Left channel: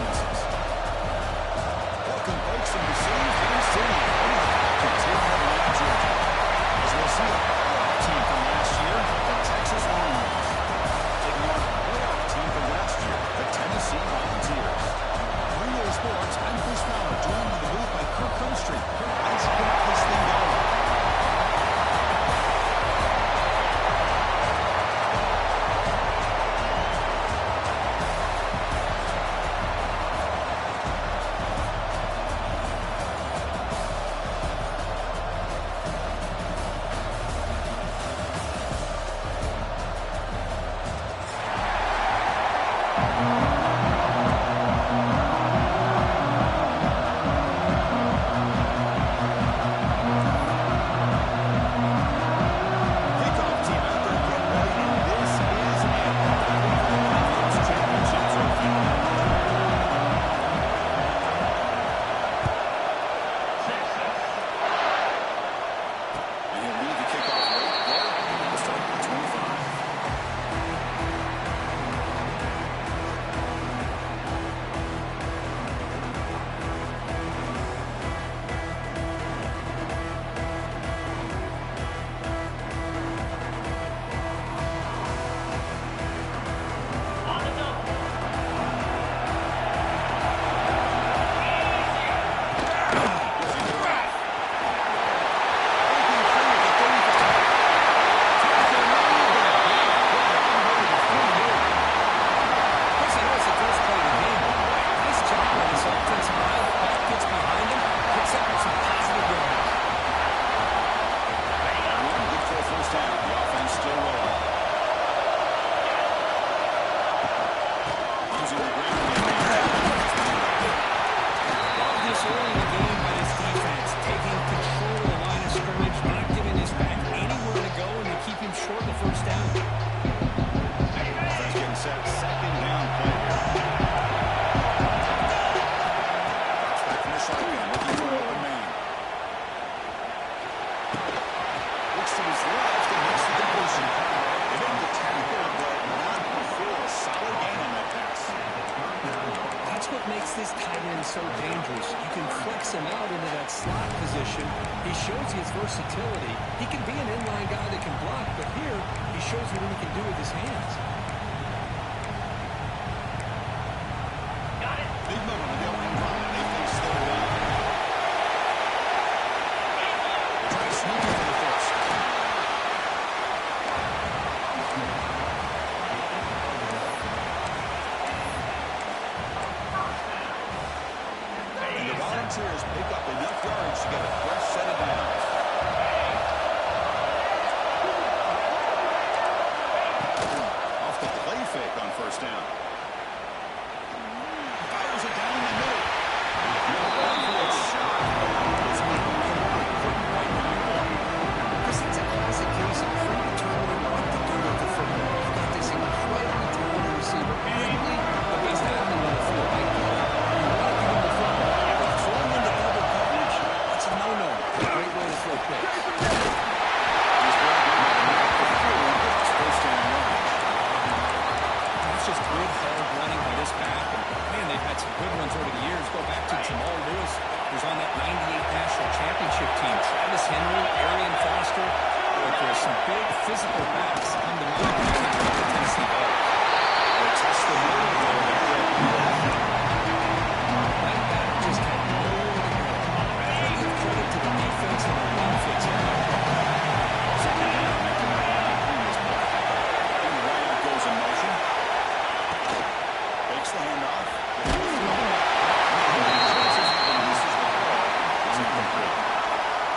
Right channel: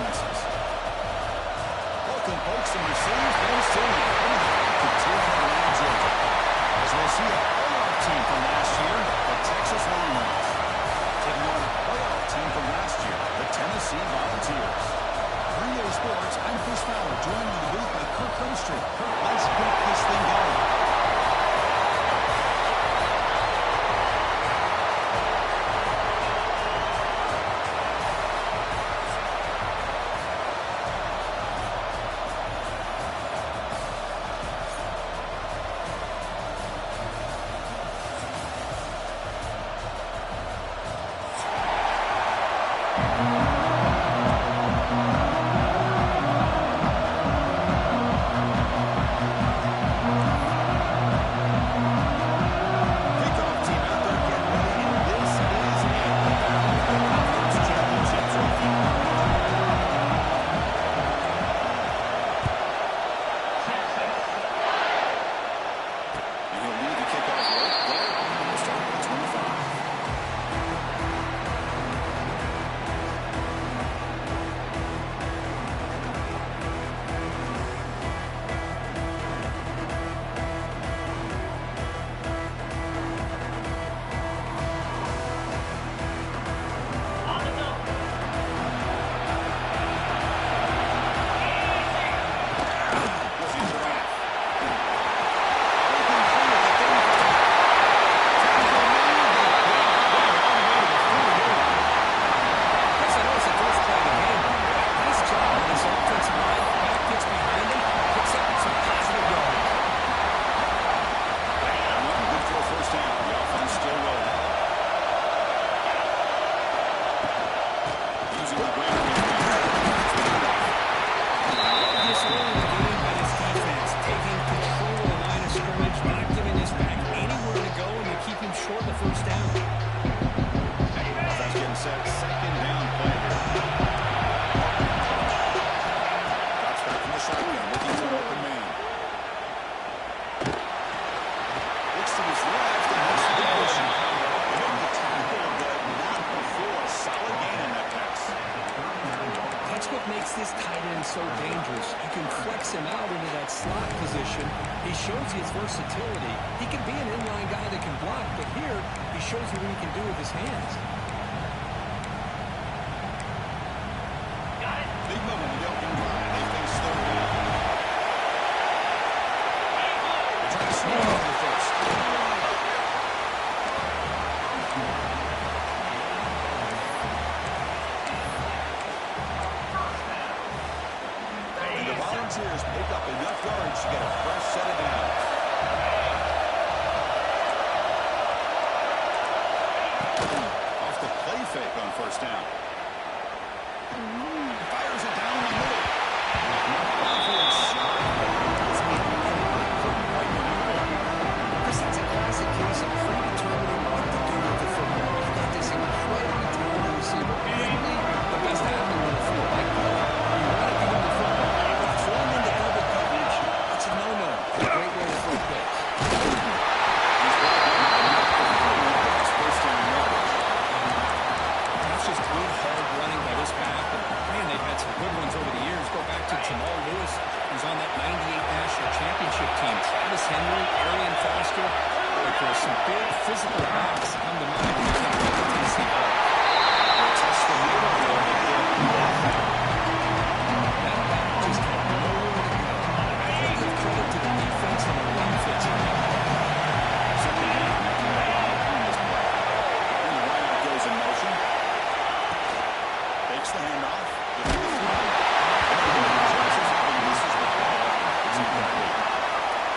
performances. Welcome, folks, and receive Vince City, home of the Falcons here in Atlanta, Georgia. As we'll see a playoff team from last year, the Texas Longhorns, taking on a playoff team from last year, the Tennessee Volunteers. 3A Sports, I'm Chris Fowler, joined in the booth by Kirk Herbstreit. Kirk, let's get this thing going. This tight end so dangerous. You can flex him out into that slot position. He shows you his versatility. He can be an inline guy that can block, but here he shows you what he can do with his hands. Got it. Big moment in the opening run, and they face third down. They try to sneak into the first. Volunteers pick up enough yards to get a fresh set of downs. Off the play fake on first down. Fires it down the middle. Downfield shot. It's right in the middle. Chris, it's a classic case of predetermining what to do with the football. You've got this incredibly talented receiver, probably the best athlete on the field. Like, you want to give him the football. Throwing into double coverage, that's a no-no. A great way to throw picks. He's brought down to the mark for 3 and gets first down yardage. That's just good, hard running by this back. And, man, they've had some good ones over the years. Go back to Jamal Lewis, who's on that 98 National Championship team. Travis Henry, Arian Foster. Boy, there's some big physical backs come to mind when you think about the Tennessee ball. They test the middle a little bit here. That back just had nowhere to go. I give credit to the defense and the run fits on that play. Second down after that line on this play. And the wideout goes in motion. Takes the handoff. Gets the throw. This is the ball. It's incomplete.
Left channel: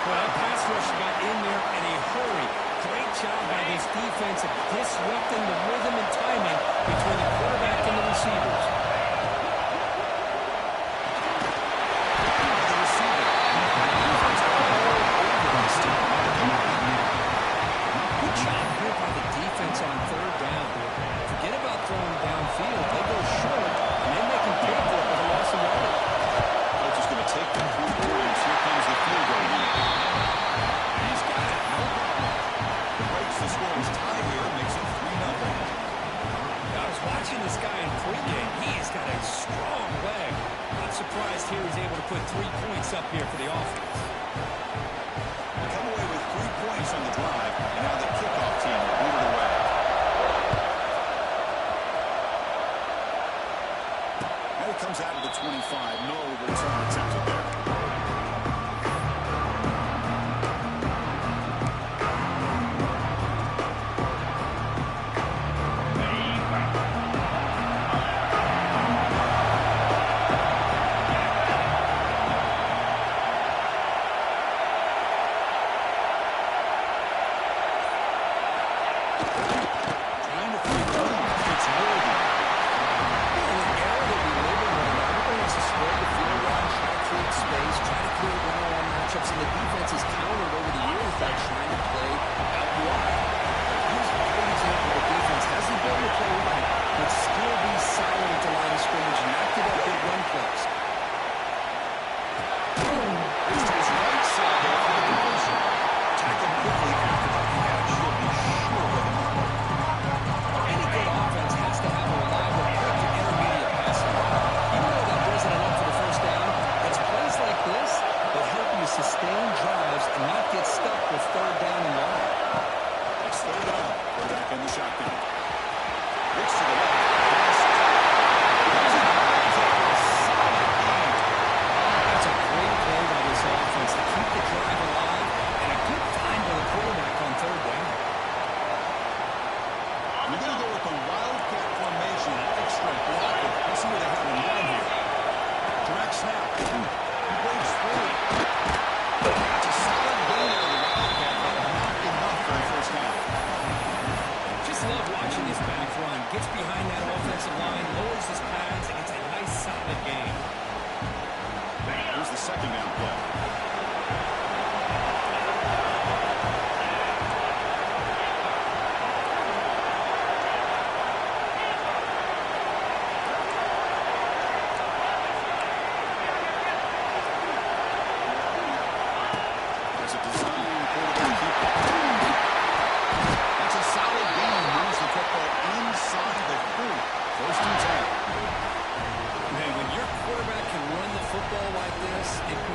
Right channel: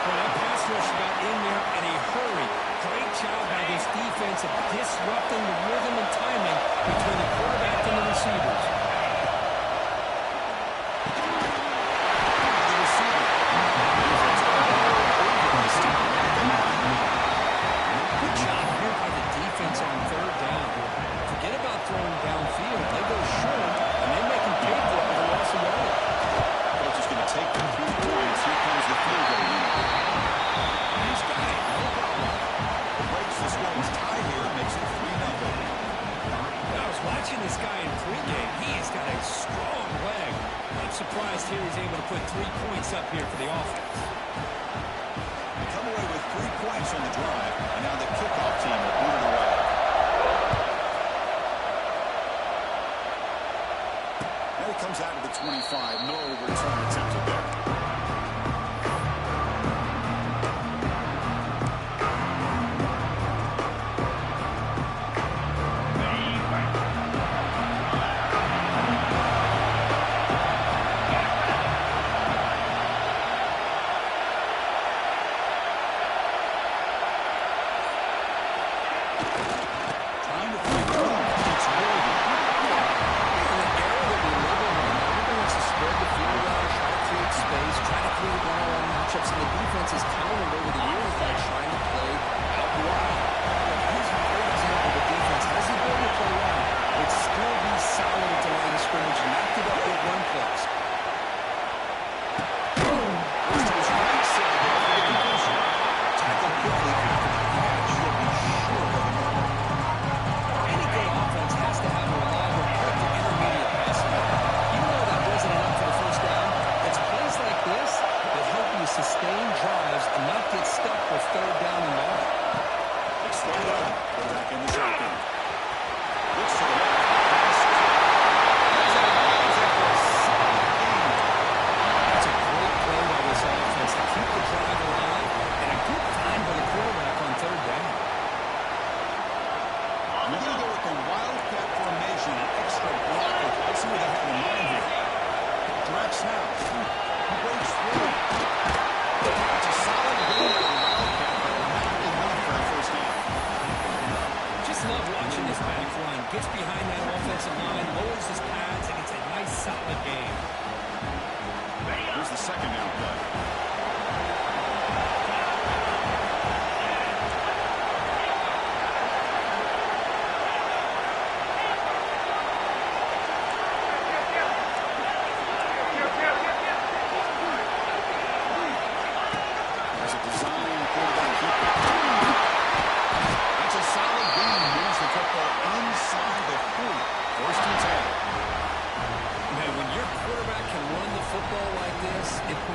Well, that pass rush got in there in a hurry. Great job by this defense of disrupting the rhythm and timing between the quarterback and the receivers. The receiver. Defense all over this team. Good job here by the defense on third down. Forget about throwing downfield. They go short, and they make them pay for it with a loss of yardage. Coach is going to take them 3 points. Here comes the field goal unit. And he's got it. No problem. The breaks the scoreless tie here makes it 3-0. I was watching this guy in pregame. He has got a strong leg. I'm surprised here he's able to put 3 points up here for the offense. They come away with 3 points on the drive, and now the kickoff team will boot it away. And it comes out to the 25. No return attempted there. Sustain drives and not get stuck with 3rd down and long. It's 3rd down. Put back in the shotgun. Looks to the left. Pass caught. That's out of bounds after a solid gain. That's a great play by this offense to keep the drive alive, and a good find by the quarterback on 3rd down. We're going to go with the wildcat formation, an extra blocker. Let's see what they have in mind here. Direct snap. He breaks through. That's a solid gain out of the wildcat, but not enough for a 1st down. Just love watching this back run. Gets behind that offensive line, lowers his pads, and gets a nice solid gain. Here's the 2nd down play.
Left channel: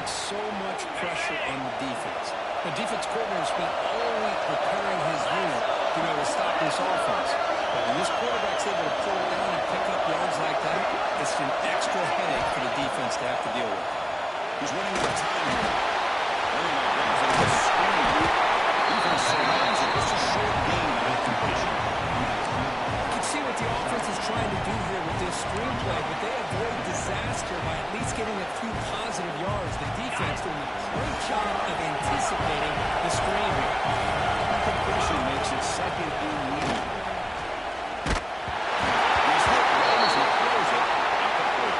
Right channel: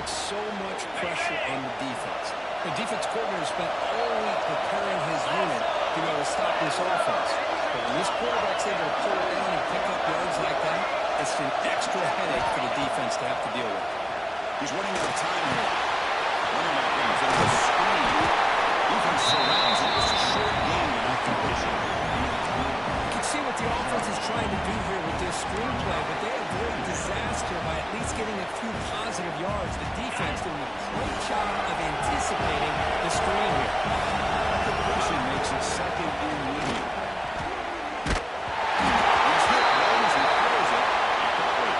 So much pressure on the defense. The defense coordinator spent all week preparing his unit to be able to stop this offense. But when this quarterback's able to pull it down and pick up yards like that, it's an extra headache for the defense to have to deal with. He's running out of time here. Running back runs into the screen. Defense surrounds it. Just a short gain on that completion. You can see what the offense is trying to do here with this screenplay, but they avoid disaster by at least getting a few positive yards. The defense doing a great job of anticipating the screen here. That completion makes it 2nd and medium. He's hit well as he throws it. Incomplete.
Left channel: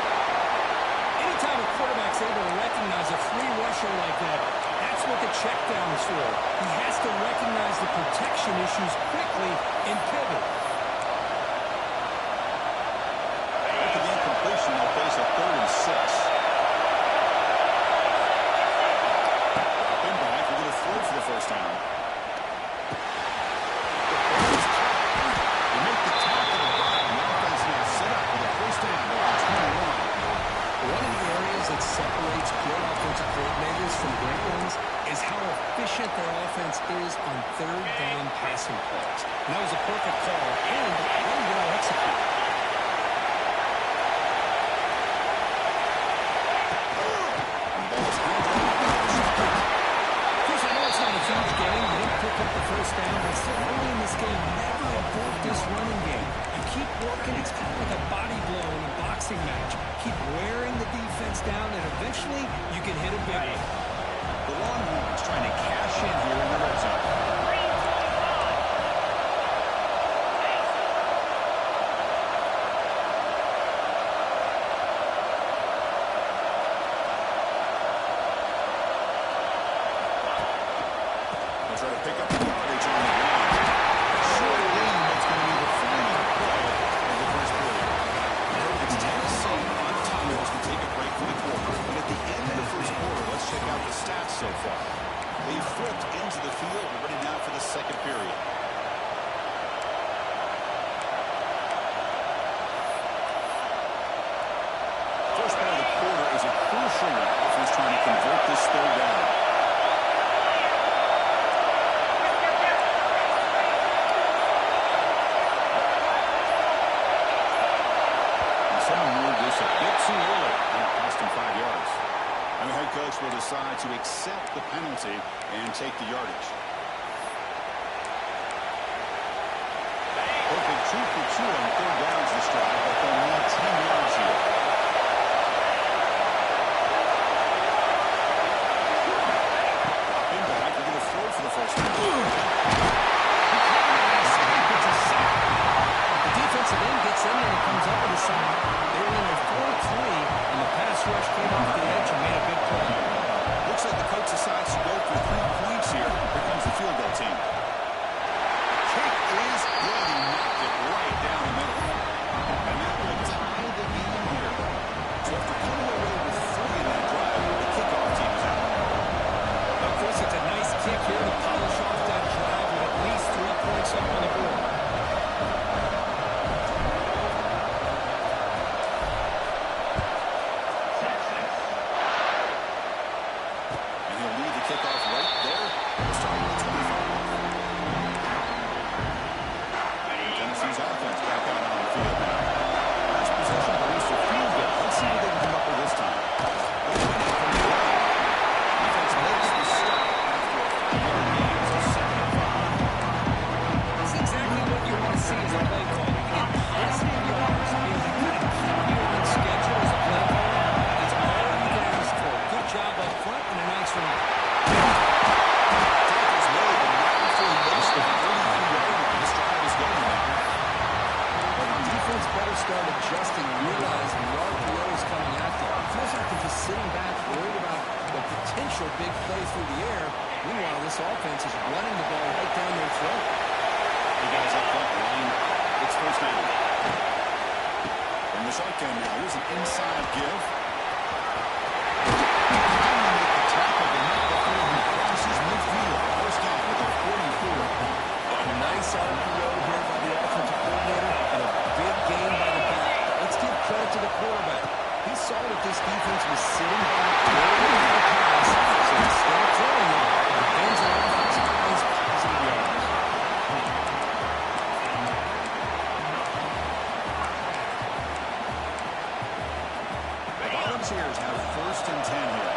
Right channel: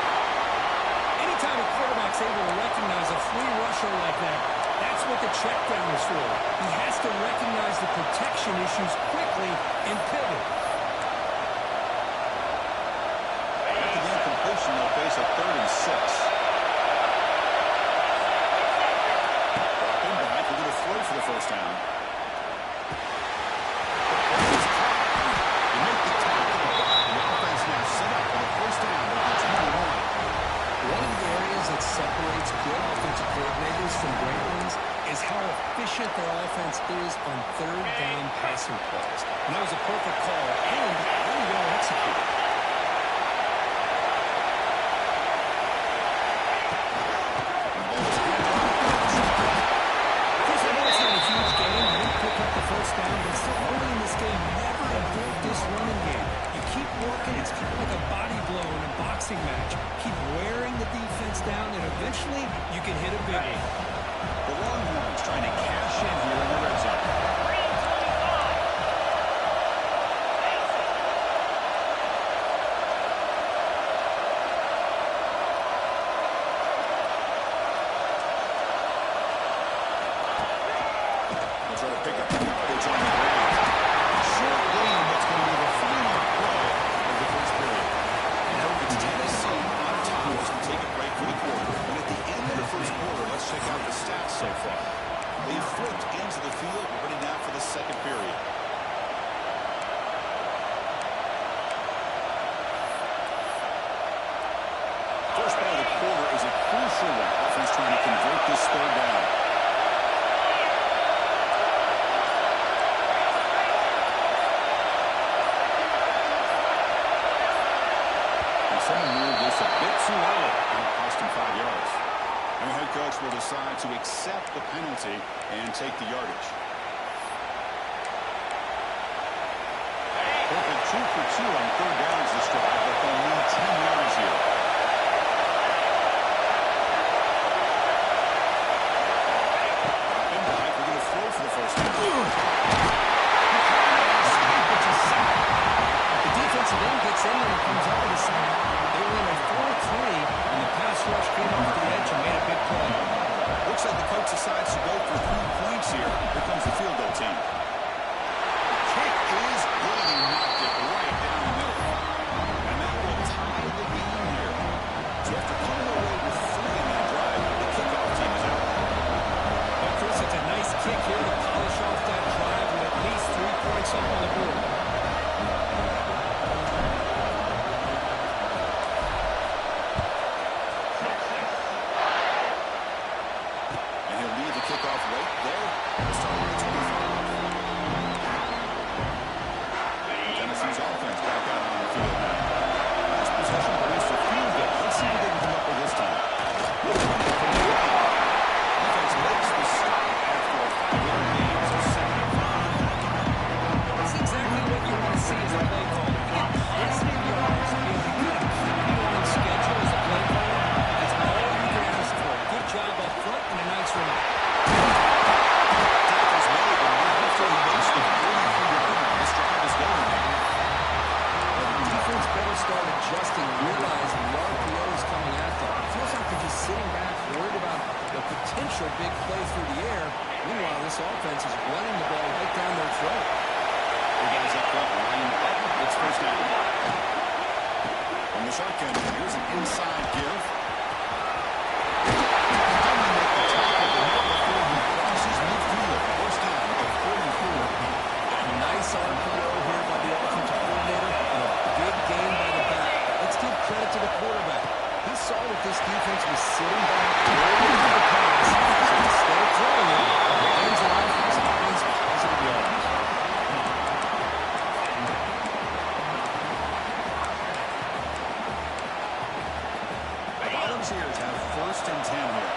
Anytime a quarterback's able to recognize a free rusher like that, that's what the check down is for. He has to recognize the protection issues quickly and pivot. They'll face a 3rd and 6. Dropping back, we're going to throw for the 1st down. The ball is caught. They make the tackle, but the offense now set up for the 1st down at the 21. One of the areas that separates good offensive coordinators from great ones is how efficient their offense is on 3rd down passing plays. And that was a perfect call and really well executed. Huge game. They didn't pick up the 1st down, but still early in this game, never abort this running game. You keep working. It's kind of like a body blow in a boxing match. Keep wearing the defense down, and eventually you can hit a big one. The Longhorns trying to cash in here in the red zone. Try to pick up the yardage on the ground. Short gain, that's going to be the final play of the 1st period. It's Tennessee on top as we take a break for the quarter. And at the end of the 1st quarter, let's check out the stats so far. They've flipped into the field. We're ready now for the 2nd period. First play of the quarter is a crucial one. Offense trying to convert this third down. And someone moved this a bit too early. And it cost him 5 yards. And the head coach will decide to accept the penalty and take the yardage. Perfect 2 for 2 on third downs this drive, but they'll need 10 yards here. Drop in back. We're going to throw for the first down. The defensive end gets in there and comes up with a sack. They were in a 4-3, and the pass rush came off the edge and made a big play. Looks like the coach decides to go for 3 points here. Here comes the field goal team. The kick is good. He knocked it right down the middle. And that will tie the game here. So after coming away with 3 in that drive, the kickoff team is out. Well, Chris, it's a nice kick here to polish off that drive with at least 3 points up on the board. Kickoff right there. We'll start with the 25. Tennessee's offense back out on the field now. Last possession produced a field goal. Let's see what they can come up with this time. They'll run it from the line. Defense makes the stop after a 5-yard gain. So 7-5. That's exactly what you want to see as a play caller. You get positive yards, be able to kind of keep you on schedule as a play caller. That's all you can ask for. Good job up front and a nice run. Tackles made, and now before he makes the 43-yard line, this drive is going now. Well, the defense better start adjusting and realizing the RPO is coming at them. It feels like they're just sitting back, worried about the potential big play through the air. Meanwhile, this offense is running the ball right down their throat. The guys up front line up. It's first down. From the shotgun now, here's an inside give. Nice RPO here by the offensive coordinator and a big gain by the back. Let's give credit to the quarterback. He saw that this defense was sitting back, waiting for the pass, so instead of throwing it, he hands it off and some nice positive yards. The Volunteers have 1st and 10 here.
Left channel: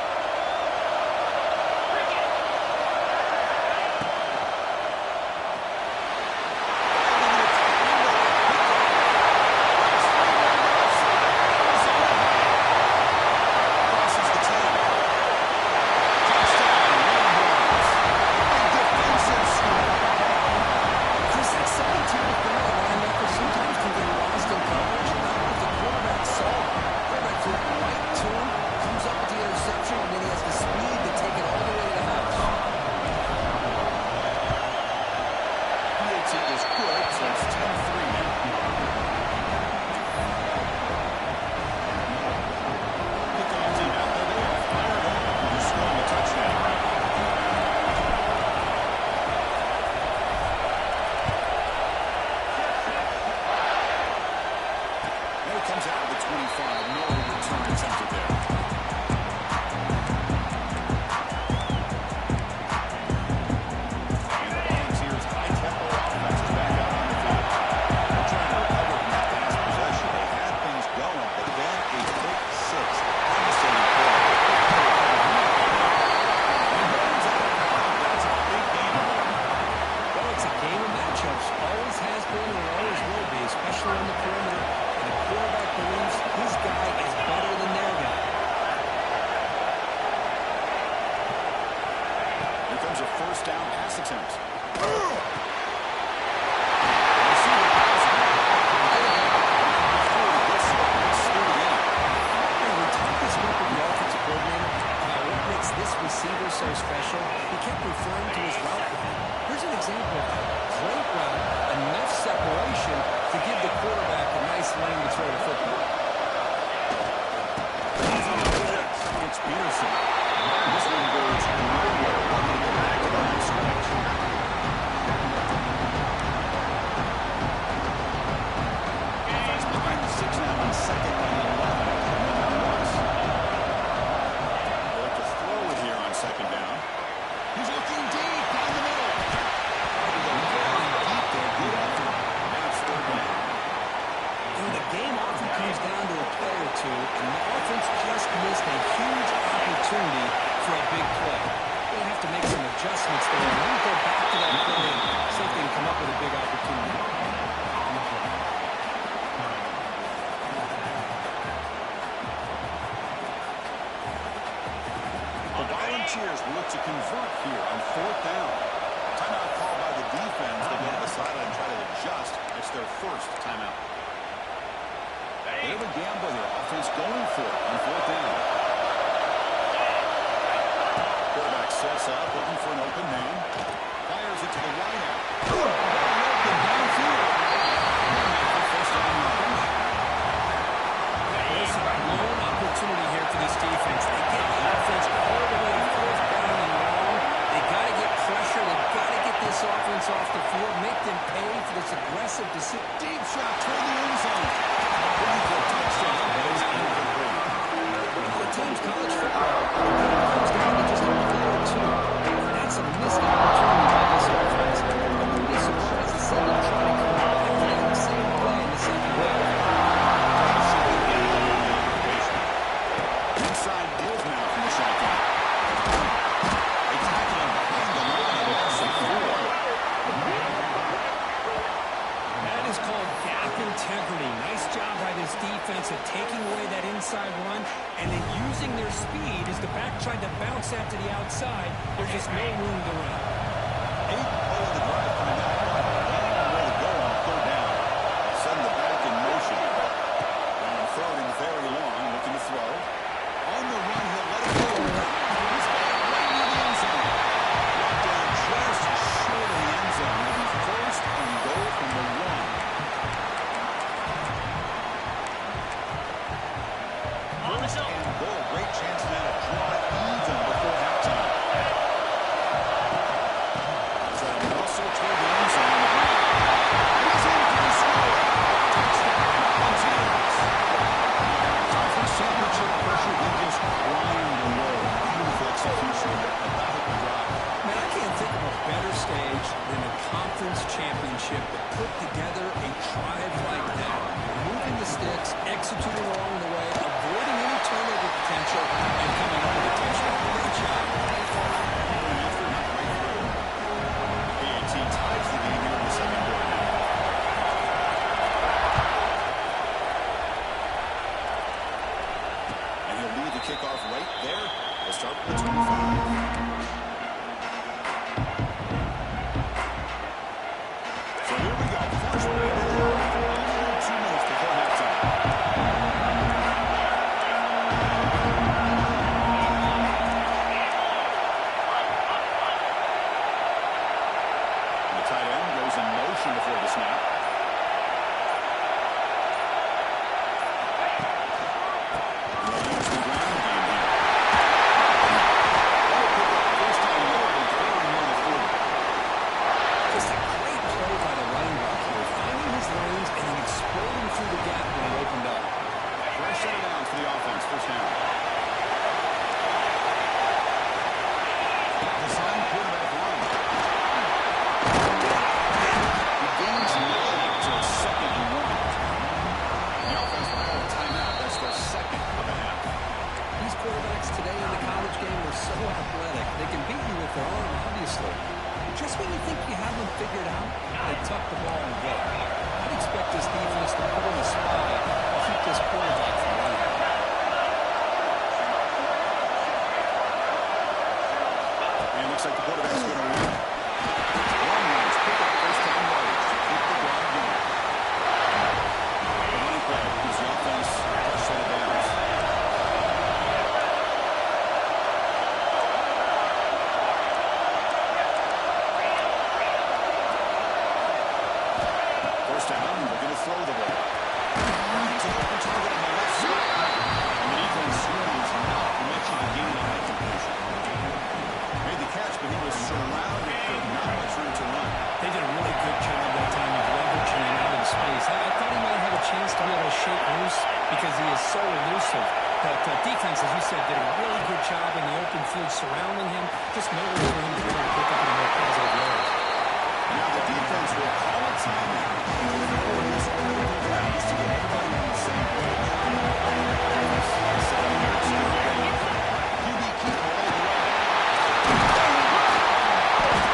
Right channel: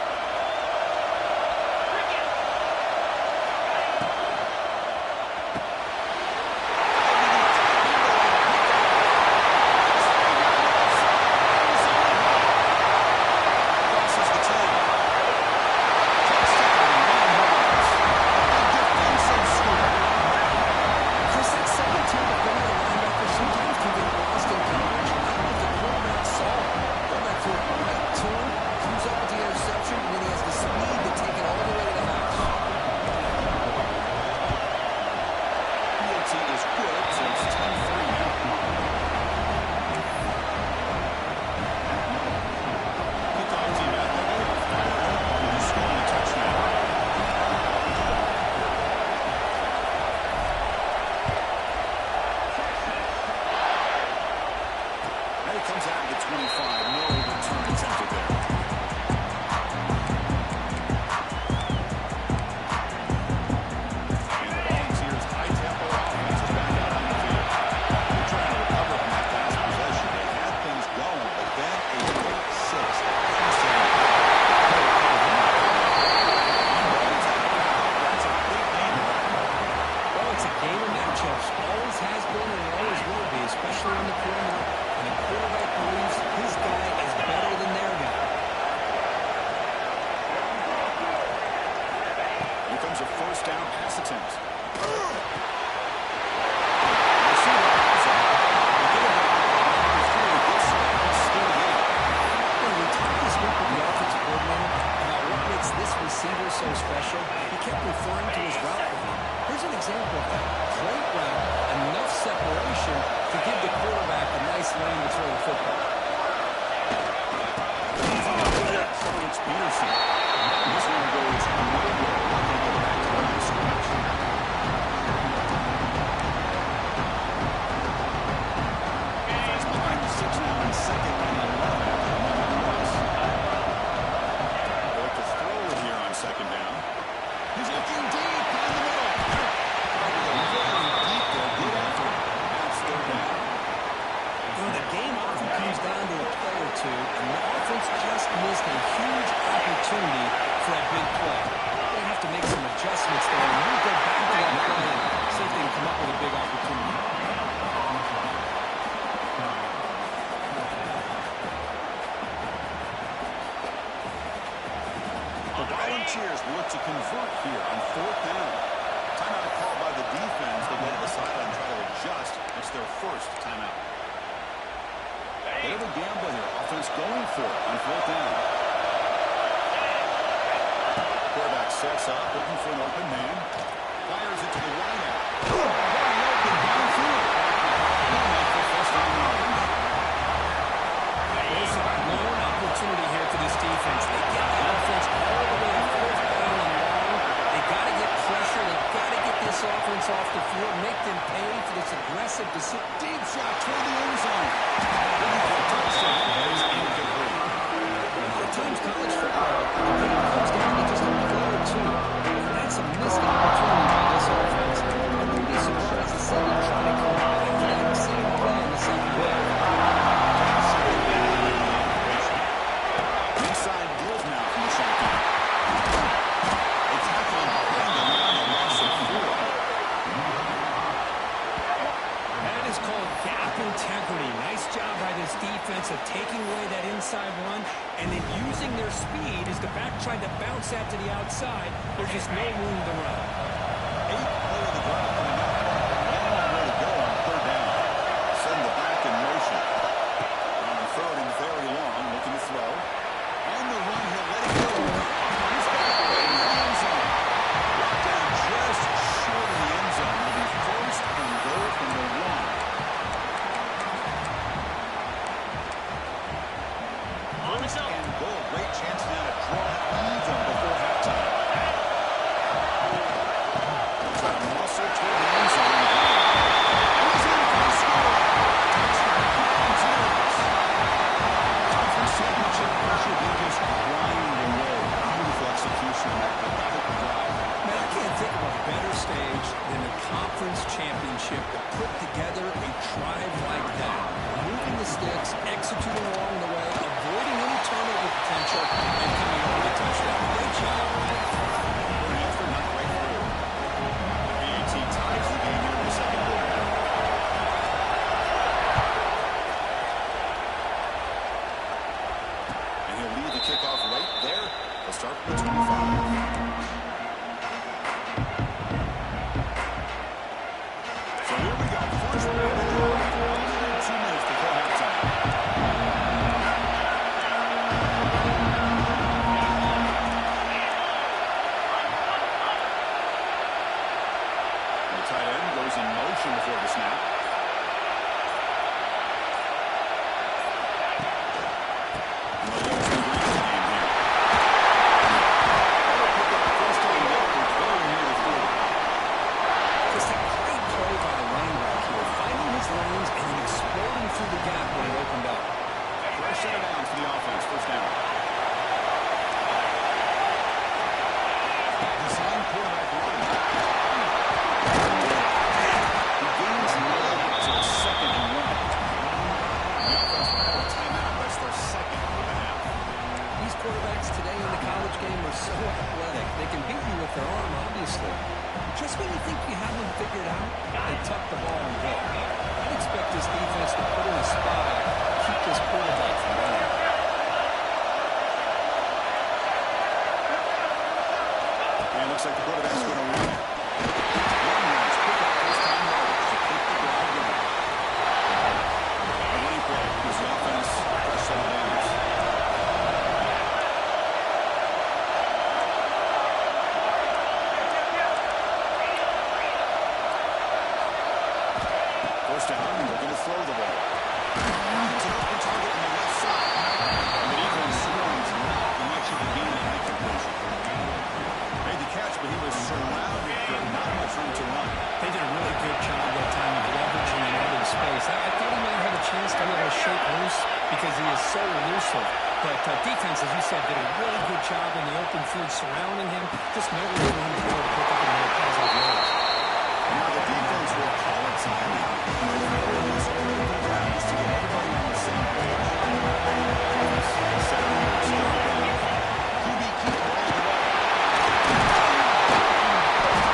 Comes out of the 25. No return attempted there. And the Volunteers' high-tempo offense is back out on the field. They're trying to recover from that last possession. They had things going, but then a quick 6. Devastating play. They got to recover from that right now. And Rhodes out of bounds. That's a big game of there. Well, it's a game of matchups. Always has been and it always will be, especially on the perimeter. And the quarterback believes his guy is better than their guy. Here comes a first down pass attempt. We talked this week with the offensive coordinator about what makes this receiver so special. He kept referring to his route running. Here's an example of that. Great route, enough separation to give the quarterback a nice lane to throw the football. It's Peterson. This one goes nowhere. Lucky to get back to the line of scrimmage. Defense behind the 6 now on 2nd and 11 after the 1-on-1. game often comes down to a play or two, and the offense just missed a huge opportunity for a big play. They have to make some adjustments there, and maybe go back to that play and see if they can come up with a big opportunity. The Volunteers will look to convert here on 4th down. Timeout called by the defense. They'll go to the sideline and try to adjust. It's their first timeout. Bit of a gamble here. Offense going for it on 4th down. Quarterback sets up, looking for an open man. Fires it to the wide out. Wide open downfield. And for first down yardage. There's a blown opportunity here for this defense. They get the offense all the way to 4th down and long. They got to get pressure. They got to get this offense off the field, make them pay for this aggressive decision. Deep shot toward the end zone. Looking for a touchdown. That is incomplete. A lot of times college football, the game comes down to just a play or two. That's a missed opportunity by this offense. I wouldn't be surprised to see them try to come back to that same play in the second half. Inside Bills now from the shotgun. They tackle him behind the line, a loss of 4. That is called gap integrity. Nice job by this defense of taking away that inside run and then using their speed as the back tried to bounce that to the outside. There's just no room to run. 8th play of the drive coming up. A long way to go on 3rd down. Send the back in motion. On 3rd and very long, looking to throw. On the run, he'll let it go. He's got it right near the end zone. Brought down just short of the end zone. It'll be 1st and goal from the 1. First and goal. Great chance now to draw it even before halftime. Try to muscle toward the end zone on the ground. And he's in for the score. Touchdown, Volunteers. Conference championship pressure, they just grind away. Beautiful execution on that methodical drive. Man, I can't think of a better stage than a conference championship to put together a drive like that. Moving the sticks, executing along the way, avoiding any turnover potential, and coming up with a touchdown. Great job. An answer not great through. The PAT ties the game here in the second quarter now. And he'll lead the kickoff right there. They'll start from the 25. So here we go. First period of the drive. Under 2 minutes before halftime. The tight end goes in motion before the snap. And they'll use the ground game here. That'll pick up first down yardage very near the 40. Just a great play by the running back here, finding his lanes and then exploding through the gap when it opened up. Fresh set of downs for the offense. First down. Design quarterback run. He gains 9 to 2nd and 1. The offense will call a timeout. That's their second of the half. These quarterbacks today in the college game are so athletic. They can beat you with their arm, obviously. Just when you think you have them figured out, they tuck the ball and go. I'd expect this defense to put in a spy, keep this quarterback from running. And looks like the quarterback's going to run it. One runs, pick up first down yardage to keep the drive going. The running play gives the offense a fresh set of downs. First down, looking to throw the ball. It's an open target on the left side. And the defense swings not much of a gain on that completion. Made the catch, but he was surrounded for not much room to run. They did a really good job that time of leveraging him out in space. I thought he might have a chance to be able to shake loose because he is so elusive. But defense, as you said, did a really good job in the open field surrounding him. Just no way for him to be able to pick up any more positive yards. Now the defense will call a timeout and throw this critical pass to get everybody on the same page. Set up here, it's third down. QB keeper all the way.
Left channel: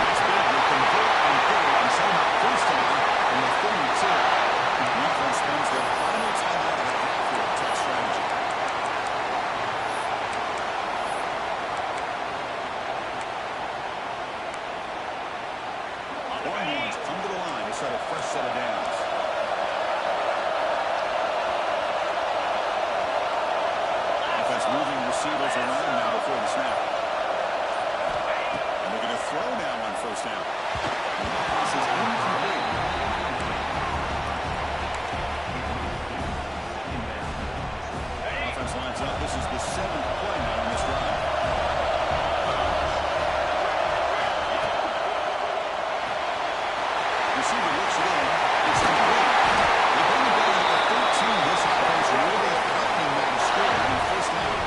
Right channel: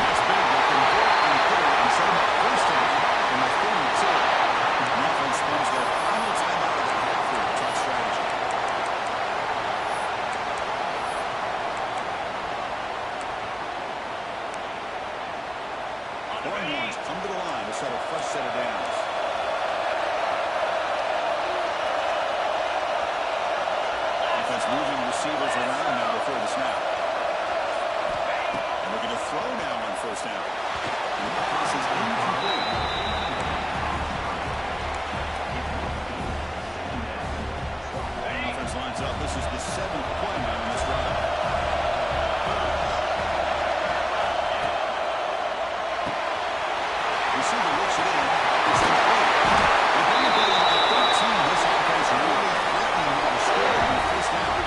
That's big. They convert on third and set him up first down from the 32. The offense spends their final timeout of the half here. Tough strategy. Longhorns come to the line to set a fresh set of downs. Offense moving receivers around now before the snap. And looking to throw now on first down. And the pass is incomplete. Offense lines up. This is the 7th play now on this drive. Receiver looks it in. It's complete. They bring it down at the 13. This offense really threatening now to score on the first down.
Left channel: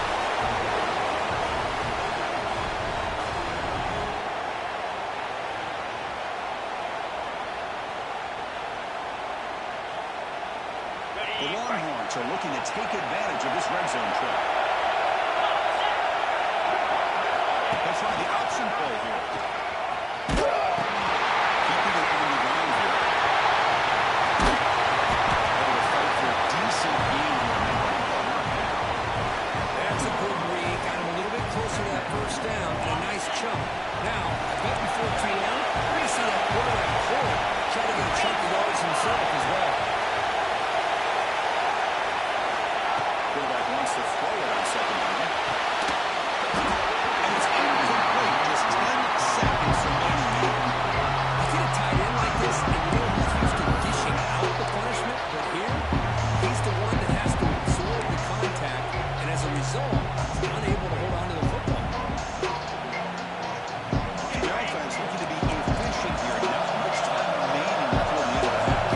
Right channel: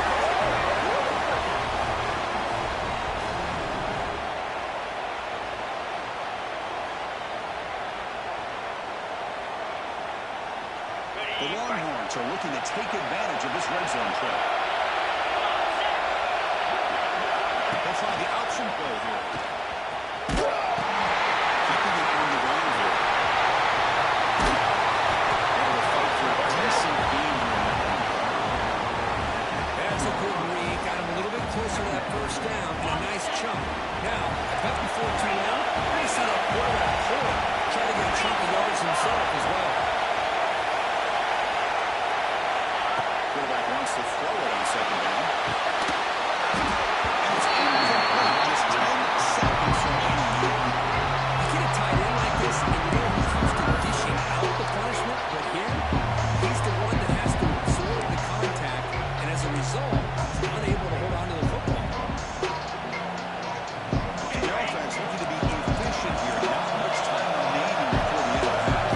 The Longhorns are looking to take advantage of this red zone trip. They'll try the option play here. Keeping it on the ground here. Able to fight for a decent gain here in that run play. That's a good read. Got him a little bit closer to that first down and a nice chunk. Now, I bet before too long, we're going to see that quarterback pull it, try to get a chunk of yards himself as well. Quarterback wants to throw it on second down. And it's incomplete. Just 10 seconds remaining here. Get a tight end like this, and you know he's used to dishing out the punishment, but here, he's the one that has to absorb the contact, and as a result, he's unable to hold on to the football. The offense looking to be efficient here. Not much time remaining before the end of the half.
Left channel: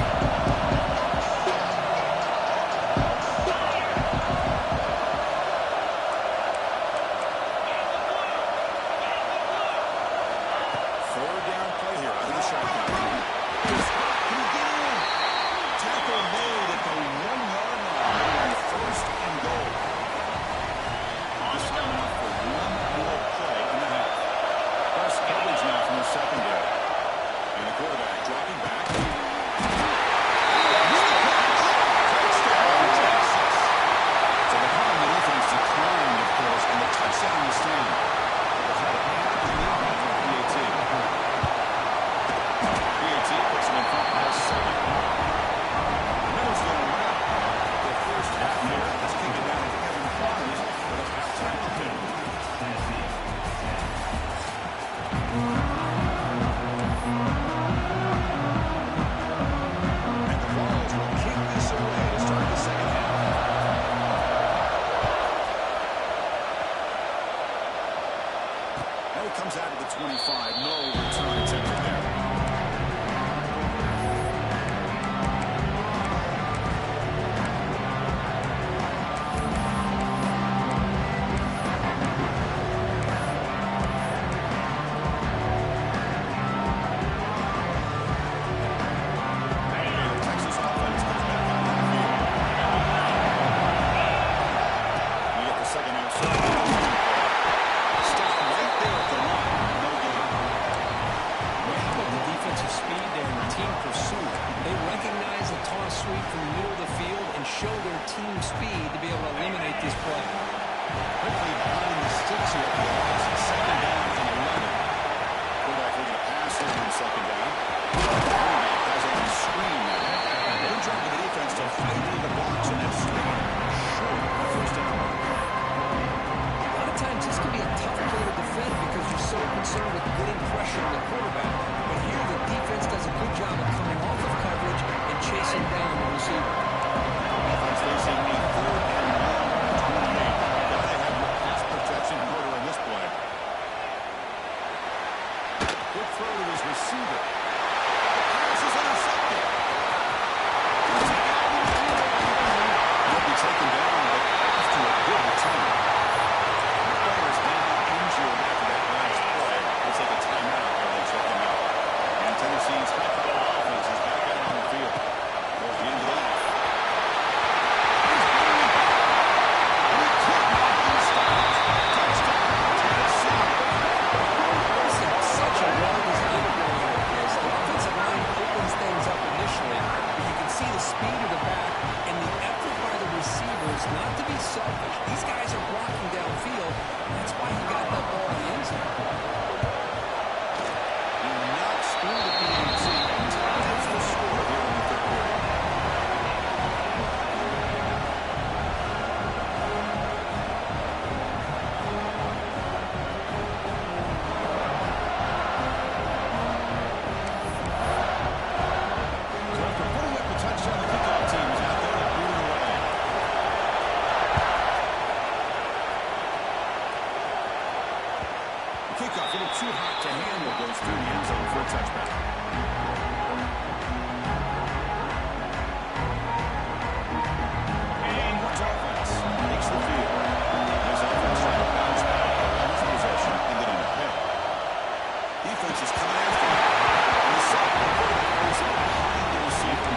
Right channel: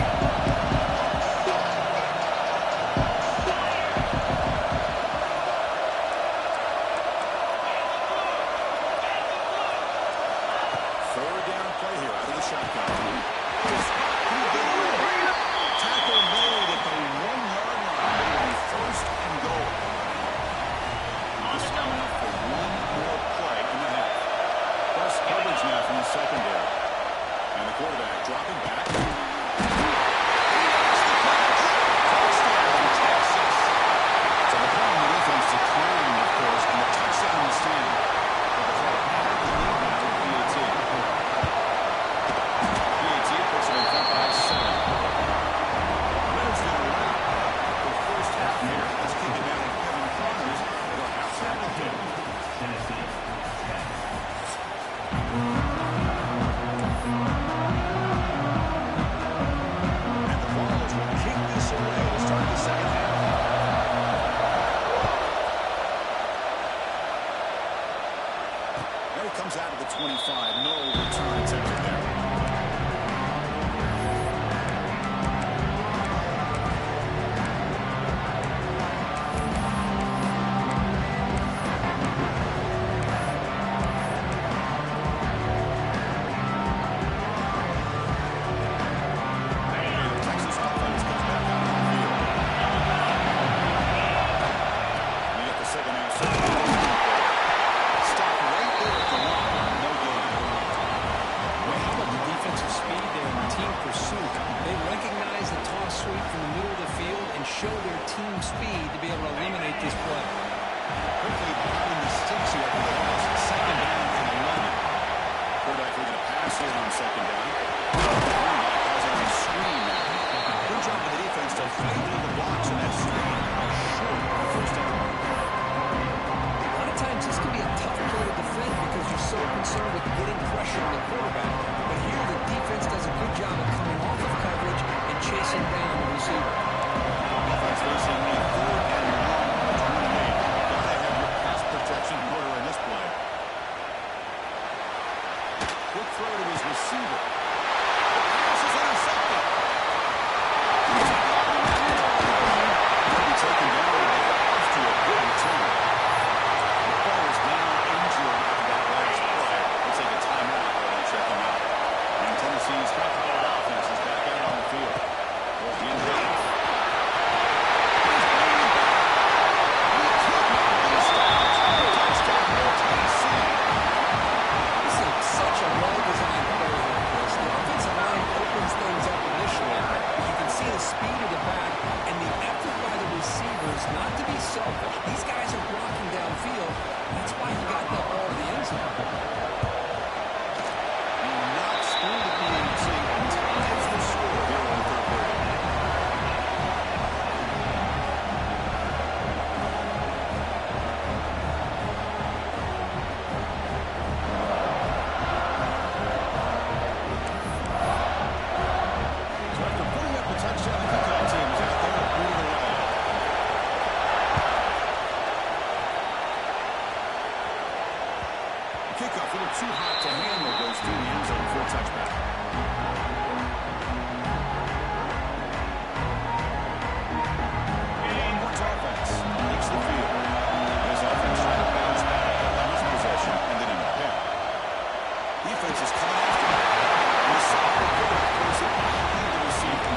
Third down play here out of the shotgun. Can he get in? Tackle made at the 1-yard line. It'll be first and goal. This time out for one more play in the half. Press coverage now from the secondary. And the quarterback dropping back. Missed the catch. Touchdown, Texas. So the call on the defense declined, of course, and the touchdown will stand. But they'll try to add the lead now with PAT. PAT puts them in front by 7. Miller's going to wrap up the first half here. Let's kick it down to Kevin Connors with our halftime update. And the Vols will kick this away to start the second half. And it comes out of the 25. No return attempted there. Texas offense comes back out on the field. We get the second half. Stop right there at the line. No gain. Well, how about the defensive speed there and team pursuit? They recognize the toss sweep from the middle of the field and show their team speed to be able to eliminate this play. Quickly behind the sticks here for the loss. Second down and 11. Quarterback looking to pass here on second down. Quarterback has it on screen now. Good job of the defense to fight through the blocks in that screen. Short of the first down. A lot of times this can be a tough play to defend because you're so concerned with getting pressure on the quarterback. But here the defense does a good job of coming off of coverage and chasing down the receiver. Offense facing a 4th and long 28. Gotta have your pass protection in order in this play. Quick throw to his receiver. The pass is intercepted. He'll be taken down, but after a good return. The player is down injured after that last play. We'll take a timeout while they check him out. this, not to be selfish. These guys are blocking downfield. That's why he got that ball to the end zone. He knocks through the PAT and ties the score here in the third period. So after putting up a touchdown, the kickoff team is out there to boot it away. The kickoff, a little too hot to handle, goes through the end zone for a touchback. Onwards offense takes the field. His offense trying to bounce back, but on his possession, and then in a pick. Defense is coming after him. And the sophomore quarterback throws it behind the receiver.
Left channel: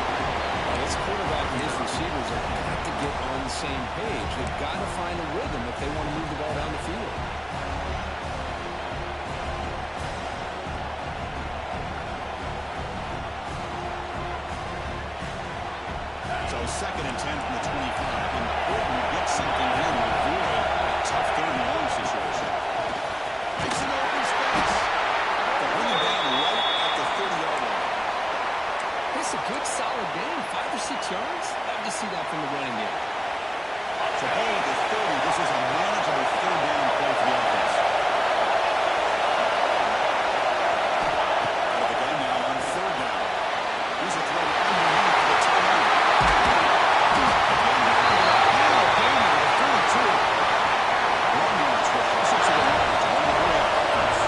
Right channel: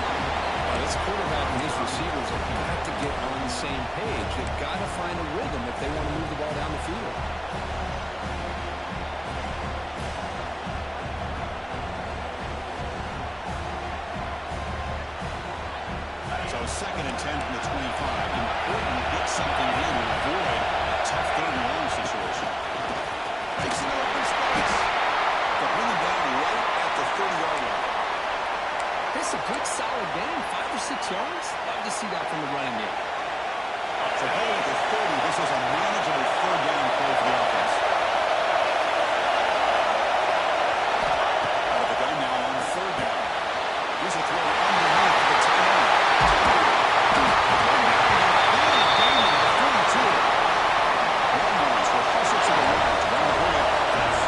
Well, this quarterback and his receivers have got to get on the same page. They've got to find a rhythm if they want to move the ball down the field. So 2nd and 10 from the 25. Important to get something here to avoid a tough third and long situation. Makes an open space. They'll bring him down right at the 30-yard line. It's a good, solid game. 5 or 6 yards. Love to see that from the running game. So ball at the 30. This is a manageable third down play for the offense. Out of the gun now on 3rd down. Here's a throw underneath to the tight end. Again, the 32. Longhorns will hustle to the line to run the hurry-up offense.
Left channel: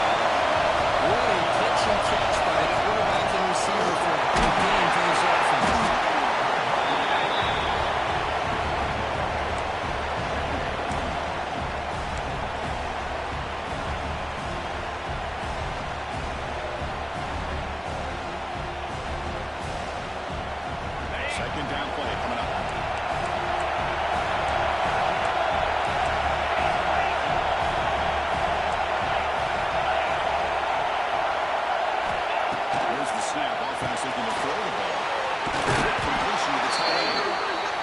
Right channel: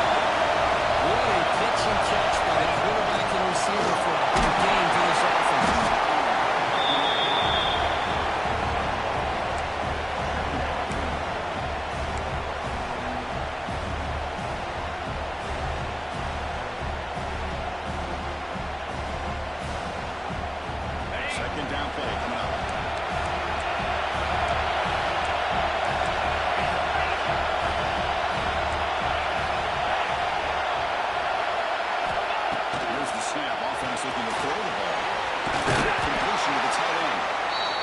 What a pitch and catch by a quarterback and receiver for a big game for this offense. Second down play coming up. Here's the snap. Offense looking to throw the ball. Completion to the tight end.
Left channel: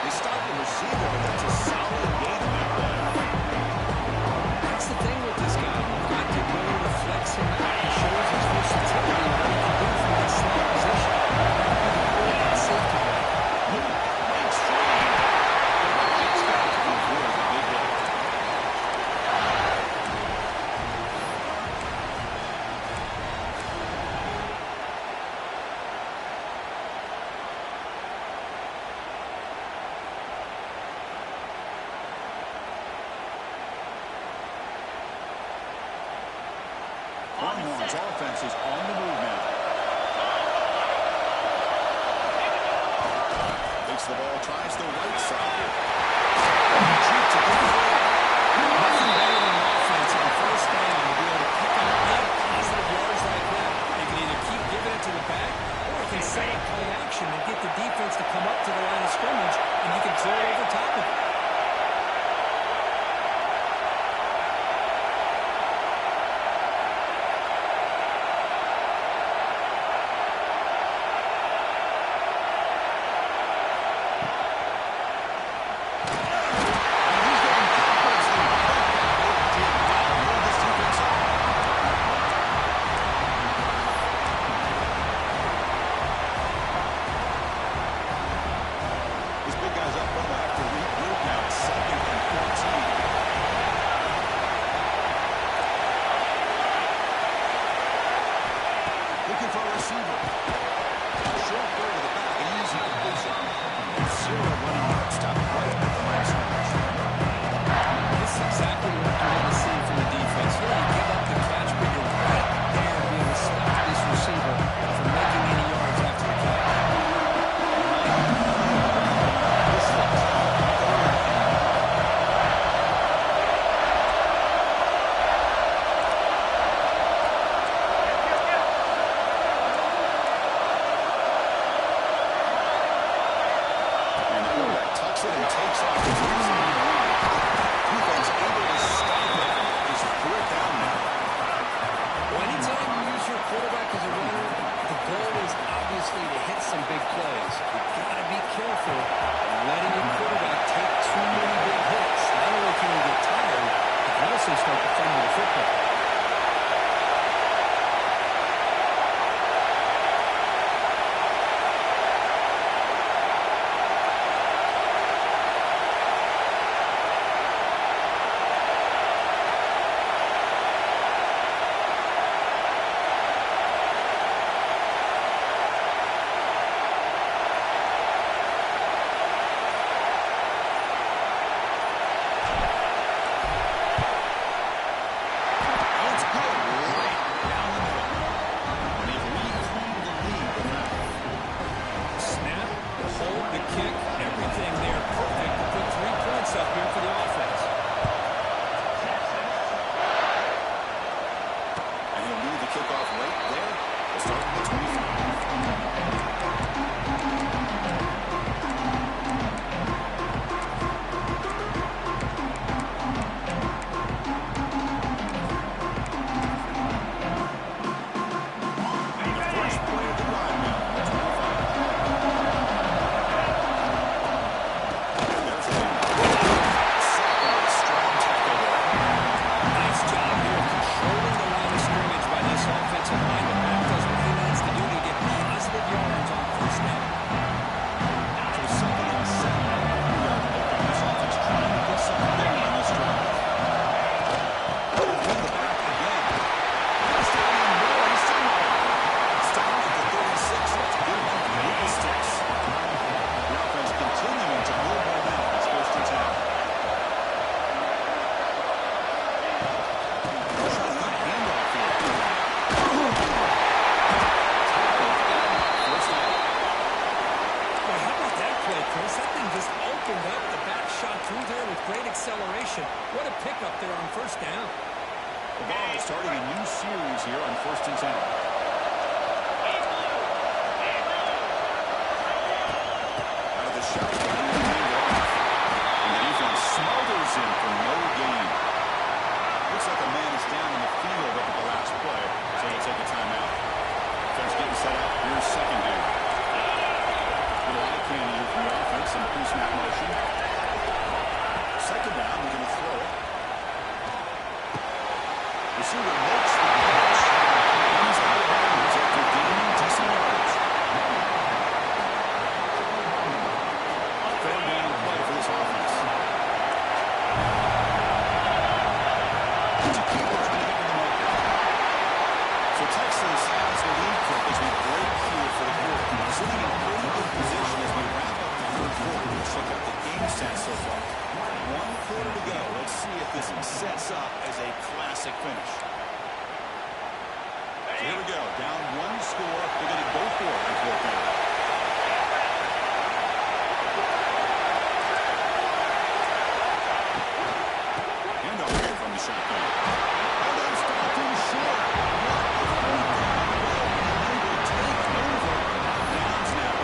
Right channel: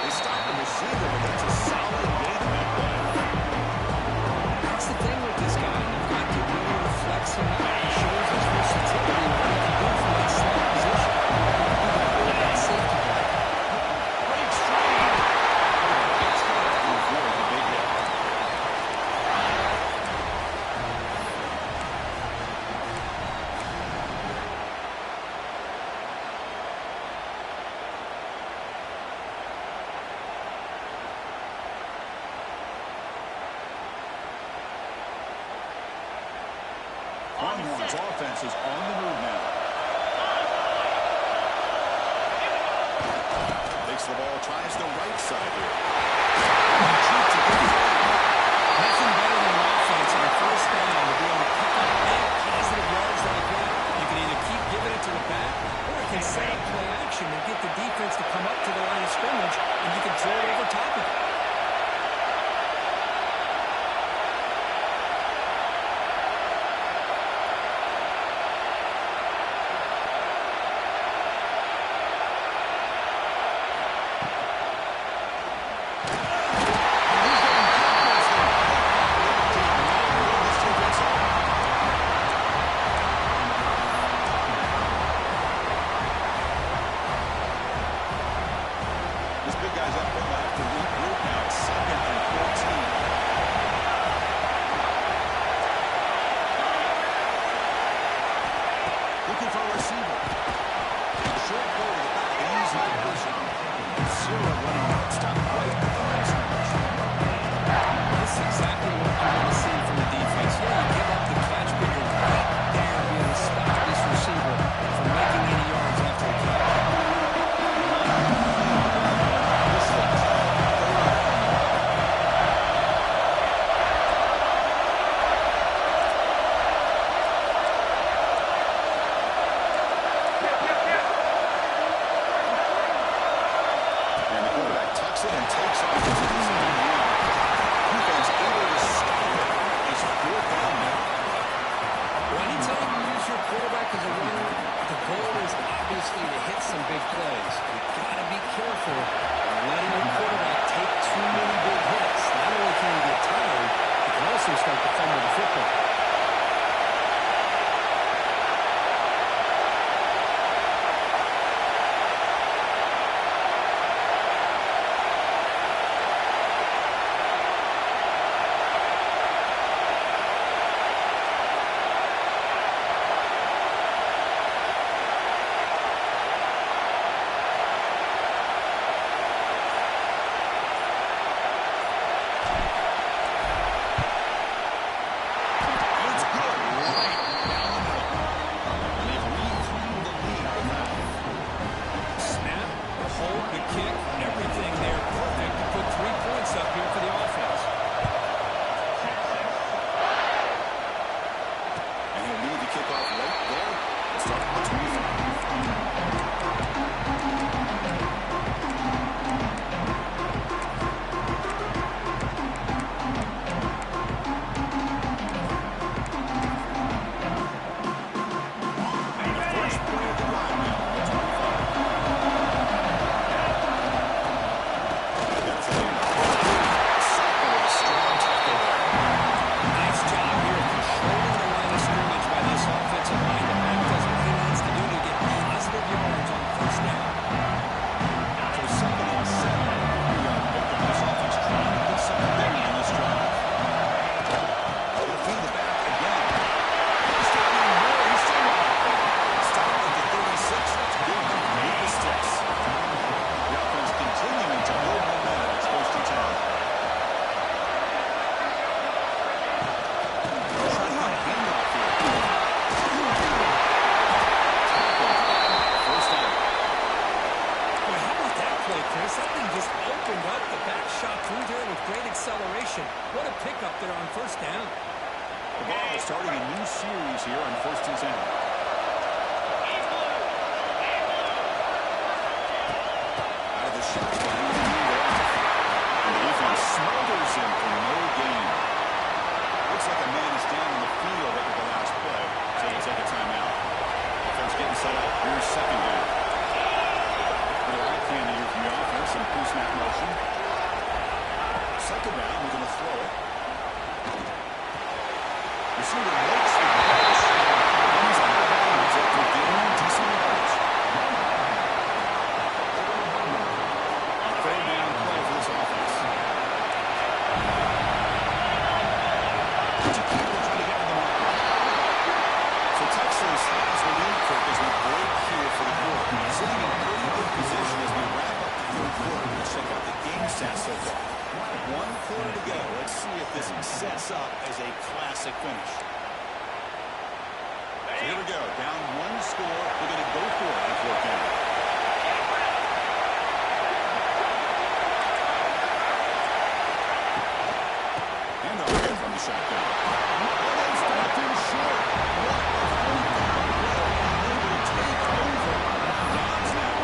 They stop the receiver, but that's a solid gain on that play. That's the thing with this guy. You've got the ability to flex him out. He shows his versatility and what he can do from that slot position. He'll be the quarterback safety guy. Breaks free. Gets got it to avoid the big hit. Longhorns offense is on the move now. Takes the ball, tries the right side here. Deep to get free. Nothing better than an offense on 1st down to be able to pick up big positive yards like that. You can either keep giving it to the back, or you can set up play action and get the defense to come up to the line of scrimmage, and you can throw it over top of it. This big guy's up front. They'll have to regroup now. It's 2nd and 14. Looking for a receiver. Short go to the back. An easy completion. 0 running yard. Stop right at the line of scrimmage. This is exactly what you want to see from the defense. Yeah, you give up the catch, but you're right there to be able to stop this receiver from making any yards after the catch. This is a and the quarterback tucks it and takes off his design run. Defense able to stop it. It's 4th down now. Well, anytime you use your quarterback as a runner, the goal is obviously to hit some big plays. You've got to be careful of letting your quarterback take too many big Texans start to fumble the football. What a pickup there on first down. The ball is starting a new series here on 1st and 10. Out of the shotgun, they move it off. And the defense smothers him for no gain. Looks like a man is down in the field after the last play, so they'll take a timeout. Offense getting set up. Here's 2nd down. Little eye candy here from the offense, some pre-snap motion. 2nd down, we're going to throw it. Receiver makes the catch, and he's out of bounds after gaining decent yardage. 3rd down play for this offense. Chiquito trying to get to the marker. So Texas has the lead, Kirk, as we break here for the quarter. Sitting in pretty good position as we wrap up the 3rd quarter. Let's check out the game stats so far. 1 quarter to go. Let's see if this sets up as a classic finish. So here we go. Down 1 score. They're going to go for it on 4th down. Handoff here from the shotgun. Oh, that's stopped him short. What a 4th down play. And they will take over on downs now.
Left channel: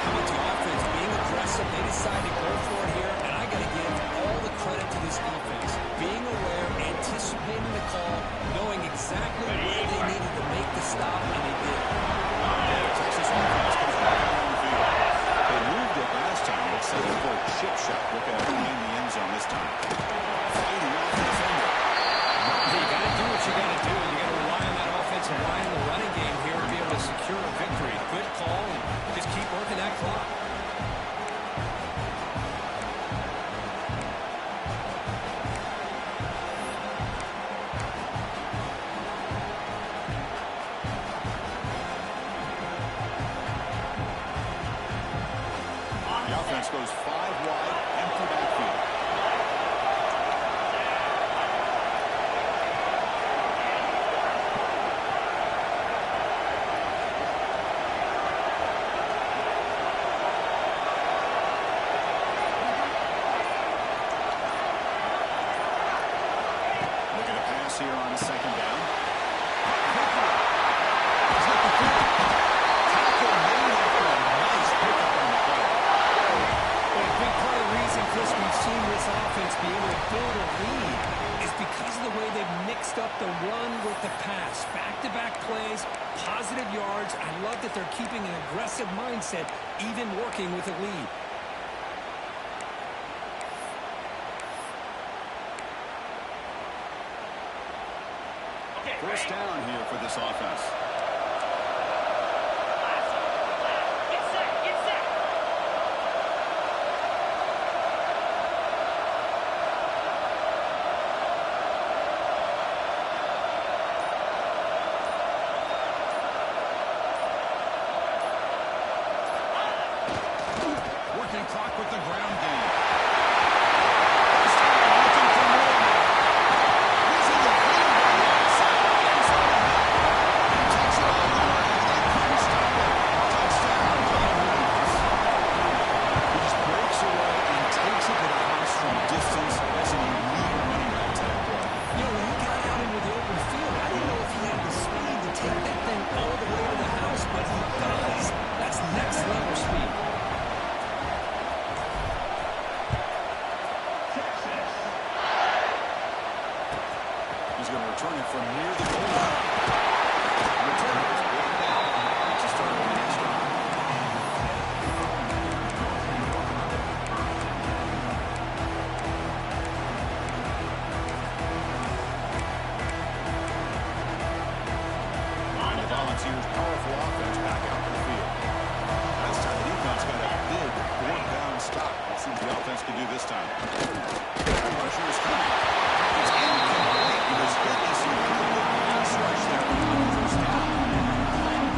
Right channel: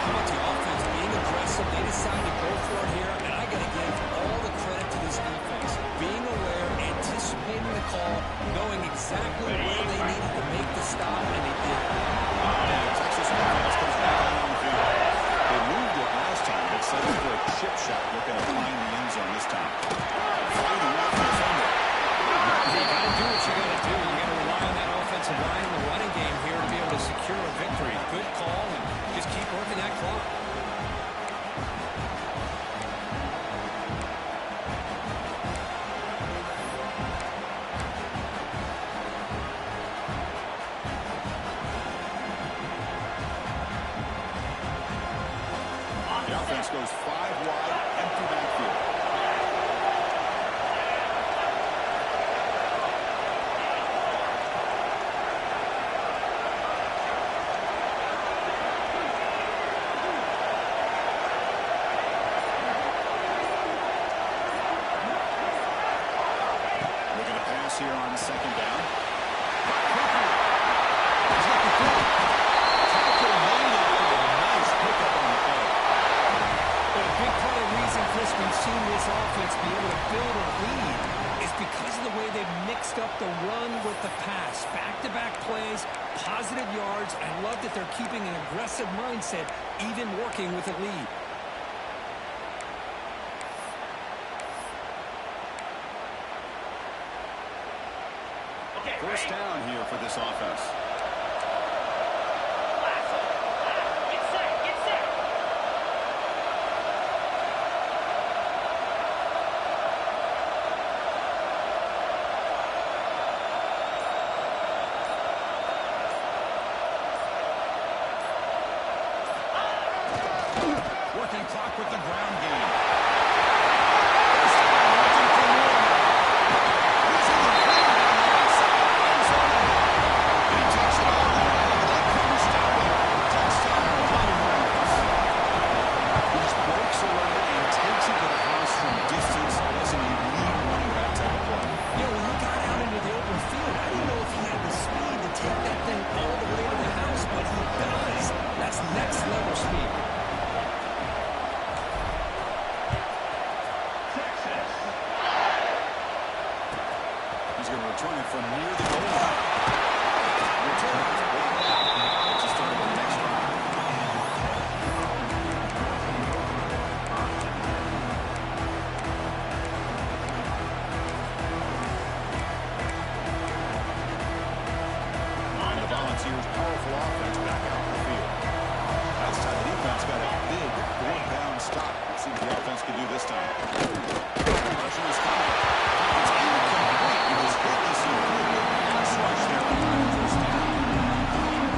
How about the offense being aggressive? They decide to go for it here, and I got to give all the credit to this defense. Being aware, anticipating the call, knowing exactly where they needed to make the stop, and they did. Texas offense comes back out on the field. They moved it last time, but settled for a chip shot, looking to find the end zone this time. Fighting off the defender. You got to do what you got to do. You got to rely on that offensive line in the running game here to be able to secure a victory. Good call, and just keep working that clock. The offense goes 5 wide, empty backfield. Looking to pass here on 2nd down. He's looking for it. Tackle made after a nice pickup on the play. But a big part of the reason, Chris, we've seen this offense be able to build a lead is because of the way they've mixed up the run with the pass. Back-to-back plays, positive yards. I love that they're keeping an aggressive mindset, even working with a lead. First down here for this offense. Working clock with the ground game. First down, looking for more now. Using the field on the outside. End zone ahead. And he takes it all the way. They couldn't stop it. Touchdown, Cleveland. He just breaks away and takes it to the house from distance as an elite running back type of play. You know, when he got out into the open field, I didn't know if he had the speed to take that thing all the way to the house, but he does. That's next level speed. He's going to return it from near the goal line. Return it was blocked out. Let's just start with the next drive. And the Volunteers' powerful offense back out to the field. Last time the defense got a big fourth-down stop. Let's see what the offense can do this time. Pressure is coming. It's incomplete. He was hit as he could get pass rush there on the first down.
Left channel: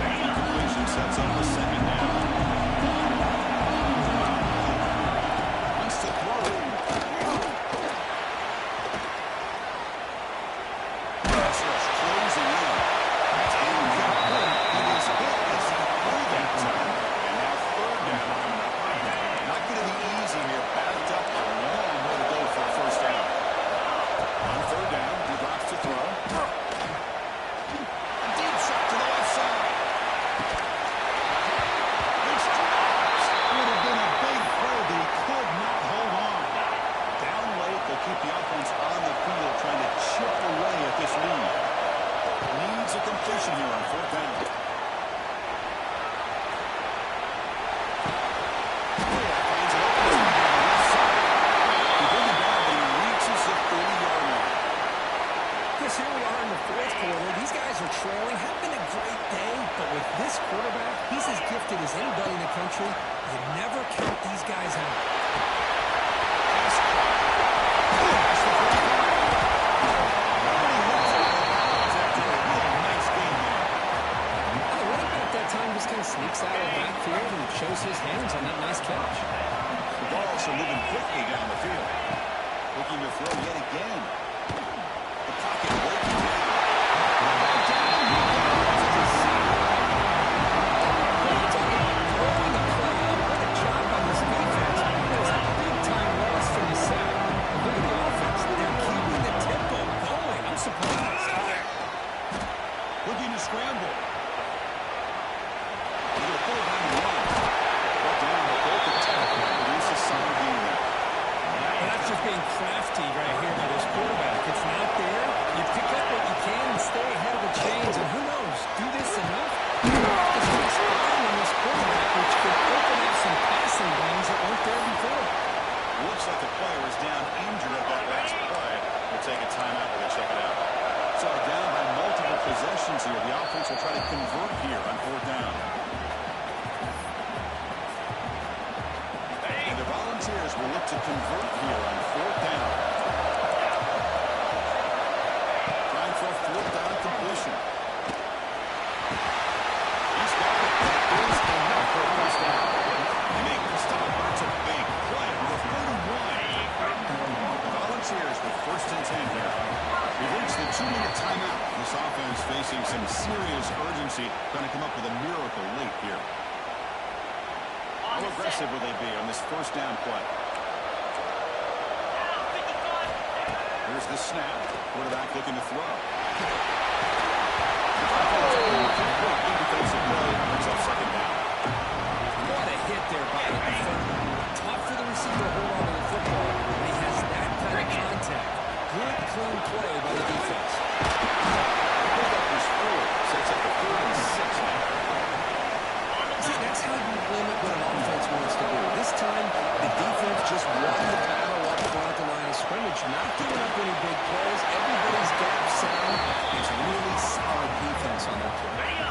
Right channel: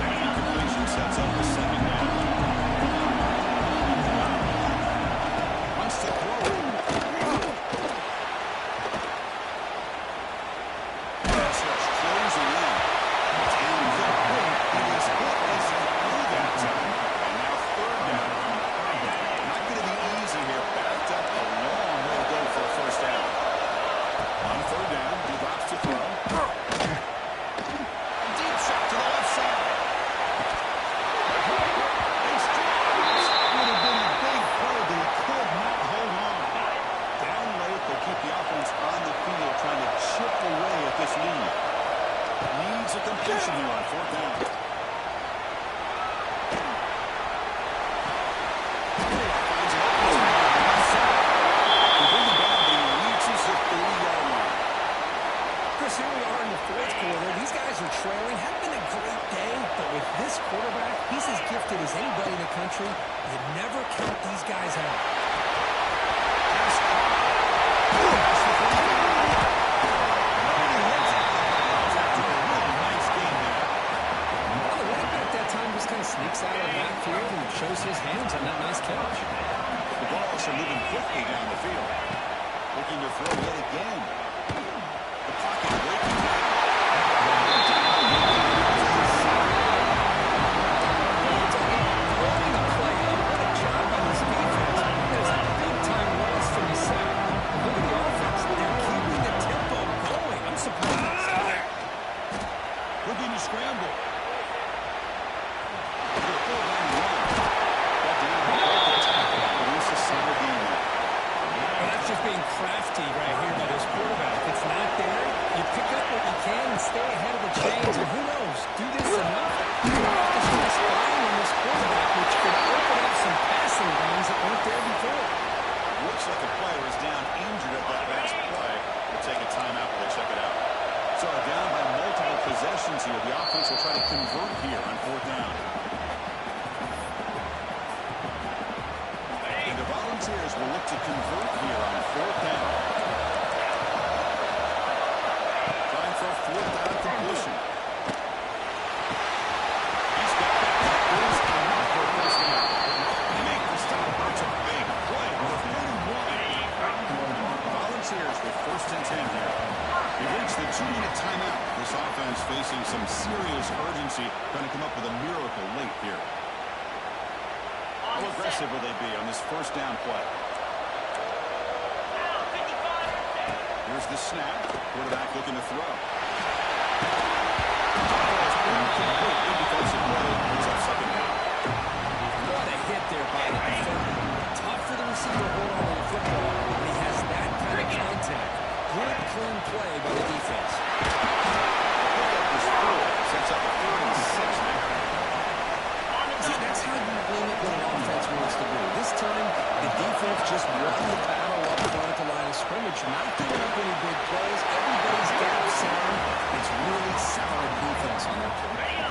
That incompletion sets up the second down. Wants to throw it. Pass rush closing in. It's incomplete. He was hit as he threw that time. And now third down coming up. Not going to be easy here. Backed up a long way to go for a first down. On third down, he drops to throw. Deep shot to the left side. It's dropped. Would have been a big play, but he could not hold on. Down late, they'll keep the offense on the field, trying to chip away at this lead. Needs a completion here on fourth down. Finds an open on the left side. They bring him down, but he reaches the 30-yard line. Chris, here we are in the fourth quarter. These guys are trailing. Had been a great day, but with this quarterback, he's as gifted as anybody in the country. You never count these guys out. Pass caught. Pass the 45. Nobody hits it out of bounds after a really nice game there. Well, the running back that time just kind of sneaks out of the backfield and shows his hands on that nice catch. The balls are moving quickly down the field. Looking to throw yet again. The pocket breaking down. Throwing the play up. What a job by this defense. That was a big-time loss from the sack. And look at the offense. They're keeping the tempo going. I'm surprised. Looking to scramble. He's going to pull down and run. Brought down with both the tackle. Produce a solid game there. Well, that's just being crafty right here by this quarterback. It's not there. You pick up what you can and stay ahead of the chains. And who knows, do this enough, you have this nice line on this quarterback, which could open up some passing lanes that weren't there before. Looks like the player is down injured at that last play. We'll take a timeout while they check it out. So down by multiple possessions here. The offense will try to convert here on fourth down. And the Volunteers will look to convert here on fourth down. Trying for a fourth down completion. He's got it. That is enough for a first down. They make the stop, but it's a big play with a 31. Volunteers with first and 10 here. We've reached the 2-minute timeout. This offense facing some serious urgency, trying to come up with a miracle late here. How aggressive will they be on this first down play? Here's the snap. Quarterback looking to throw. Good defensive play. Brings up second down. What a hit there by the defender. Tough for the receiver to hold on to the football when he has that kind of contact. Good, clean play by the defense. The pickup was 4. Sets up a 3rd and 6 now. See, that's how you limit what an offense wants to do. This time, the defense just won the battle up up front at the line of scrimmage, not giving up any big plays. Everybody's gap sound. It's really solid defense on that play.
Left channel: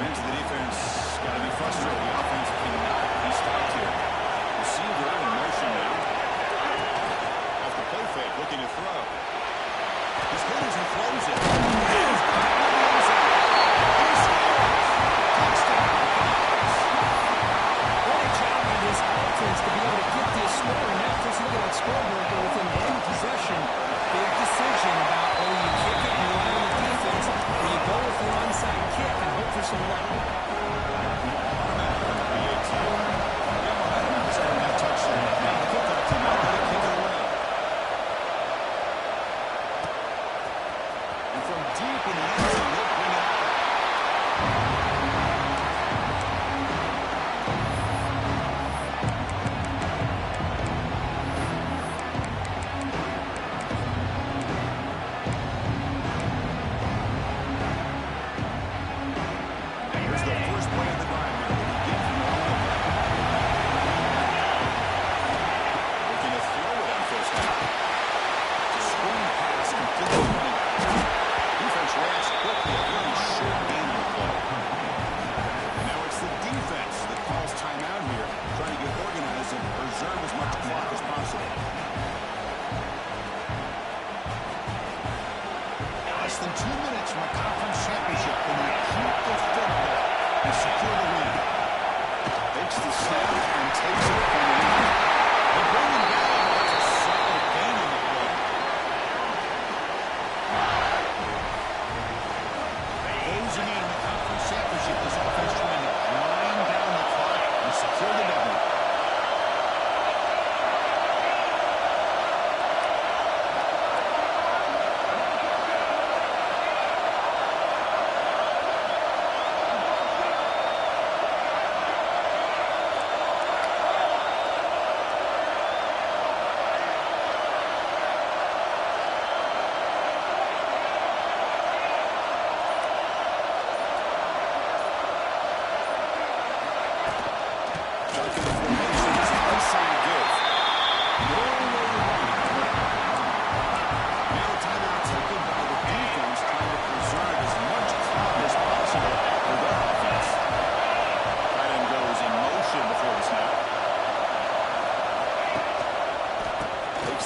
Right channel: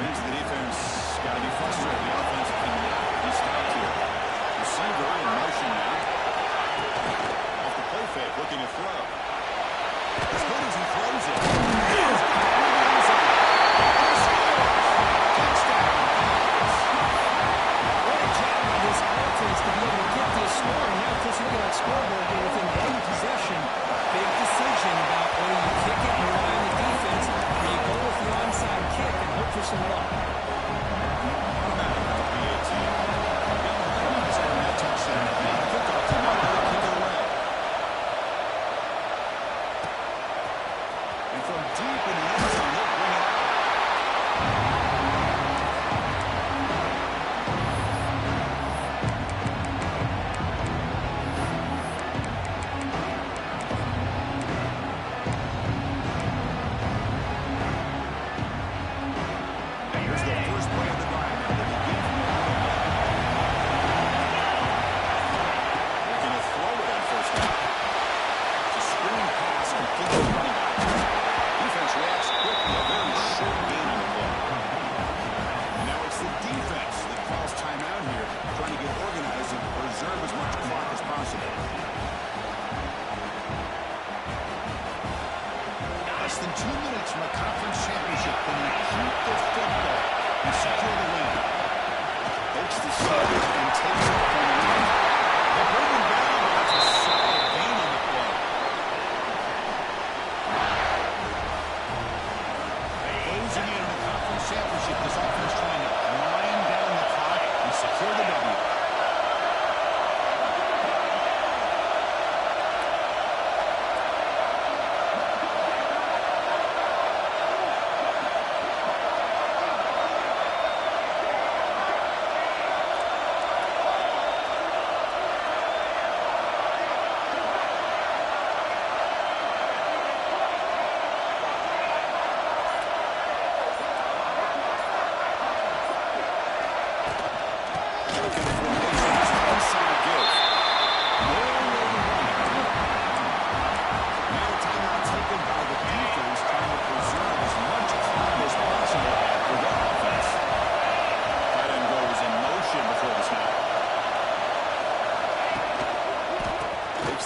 Bench the defense got to be frustrated. The offense cannot be stopped here. Receiver in motion now. Off the play fake, looking to throw. As good as he throws it. He's got it in the end zone. And he scores. Touchdown. What a job by this offense to be able to get this scoring. Now, Chris, look at that scoreboard. They're within one possession. Big decision about whether you kick it and rely on the defense or you go with the onside kick and hope for some luck. Automatic on the PAT. Yeah, momentum is earning that touchdown. Now the kickoff team out there to kick it away. And from deep in the end zone, they'll bring it out. Preserve as much clock as possible. Less than 2 minutes from a conference championship. Can they keep the football and secure the win? Takes the snap and takes it from the lead. They bring him down, but that's a solid gain on the play. Closing in on the conference championship. This offense trying to wind down the clock and secure the W.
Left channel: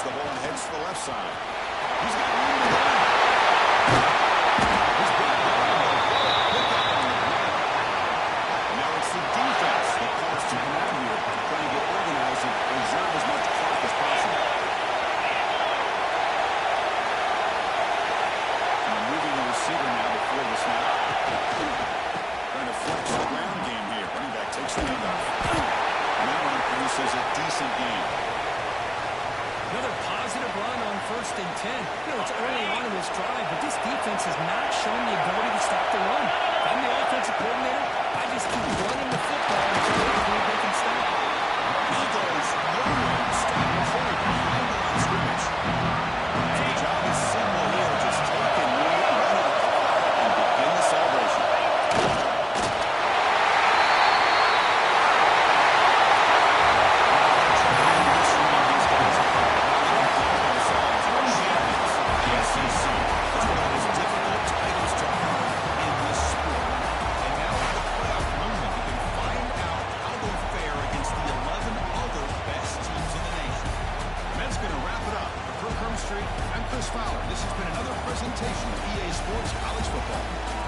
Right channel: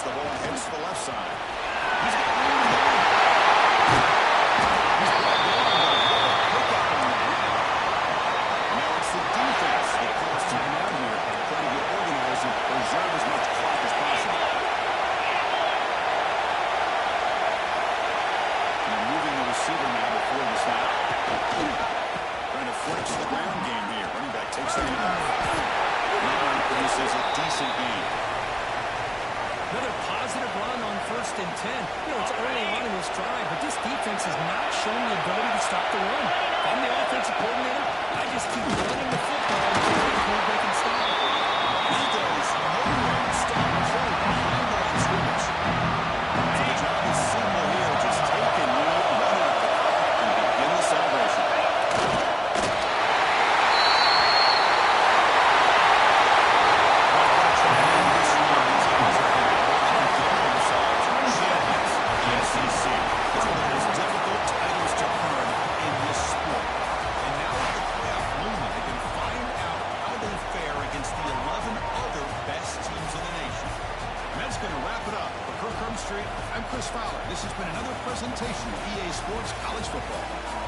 The ball and heads to the left side. He's got room to run. He's brought down, but what a pickup on the ground. And now it's the defense that calls timeout here, trying to get organized and preserve as much clock as possible. And moving the receiver now before the snap. Trying to flex the ground game here. Running back takes the handoff. Maurer produces a decent game. Another positive run on 1st and 10. You know, it's early on in this drive, but this defense has not shown the ability to stop the run. If I'm the offensive coordinator, I just keep running the football until they prove they can stop it. Eagles nowhere to stop the play behind the line of scrimmage. So the job is simple here. Just take and move, run out the clock, and begin the celebration. I'm Chris Fowler. This has been another presentation of EA Sports College Football.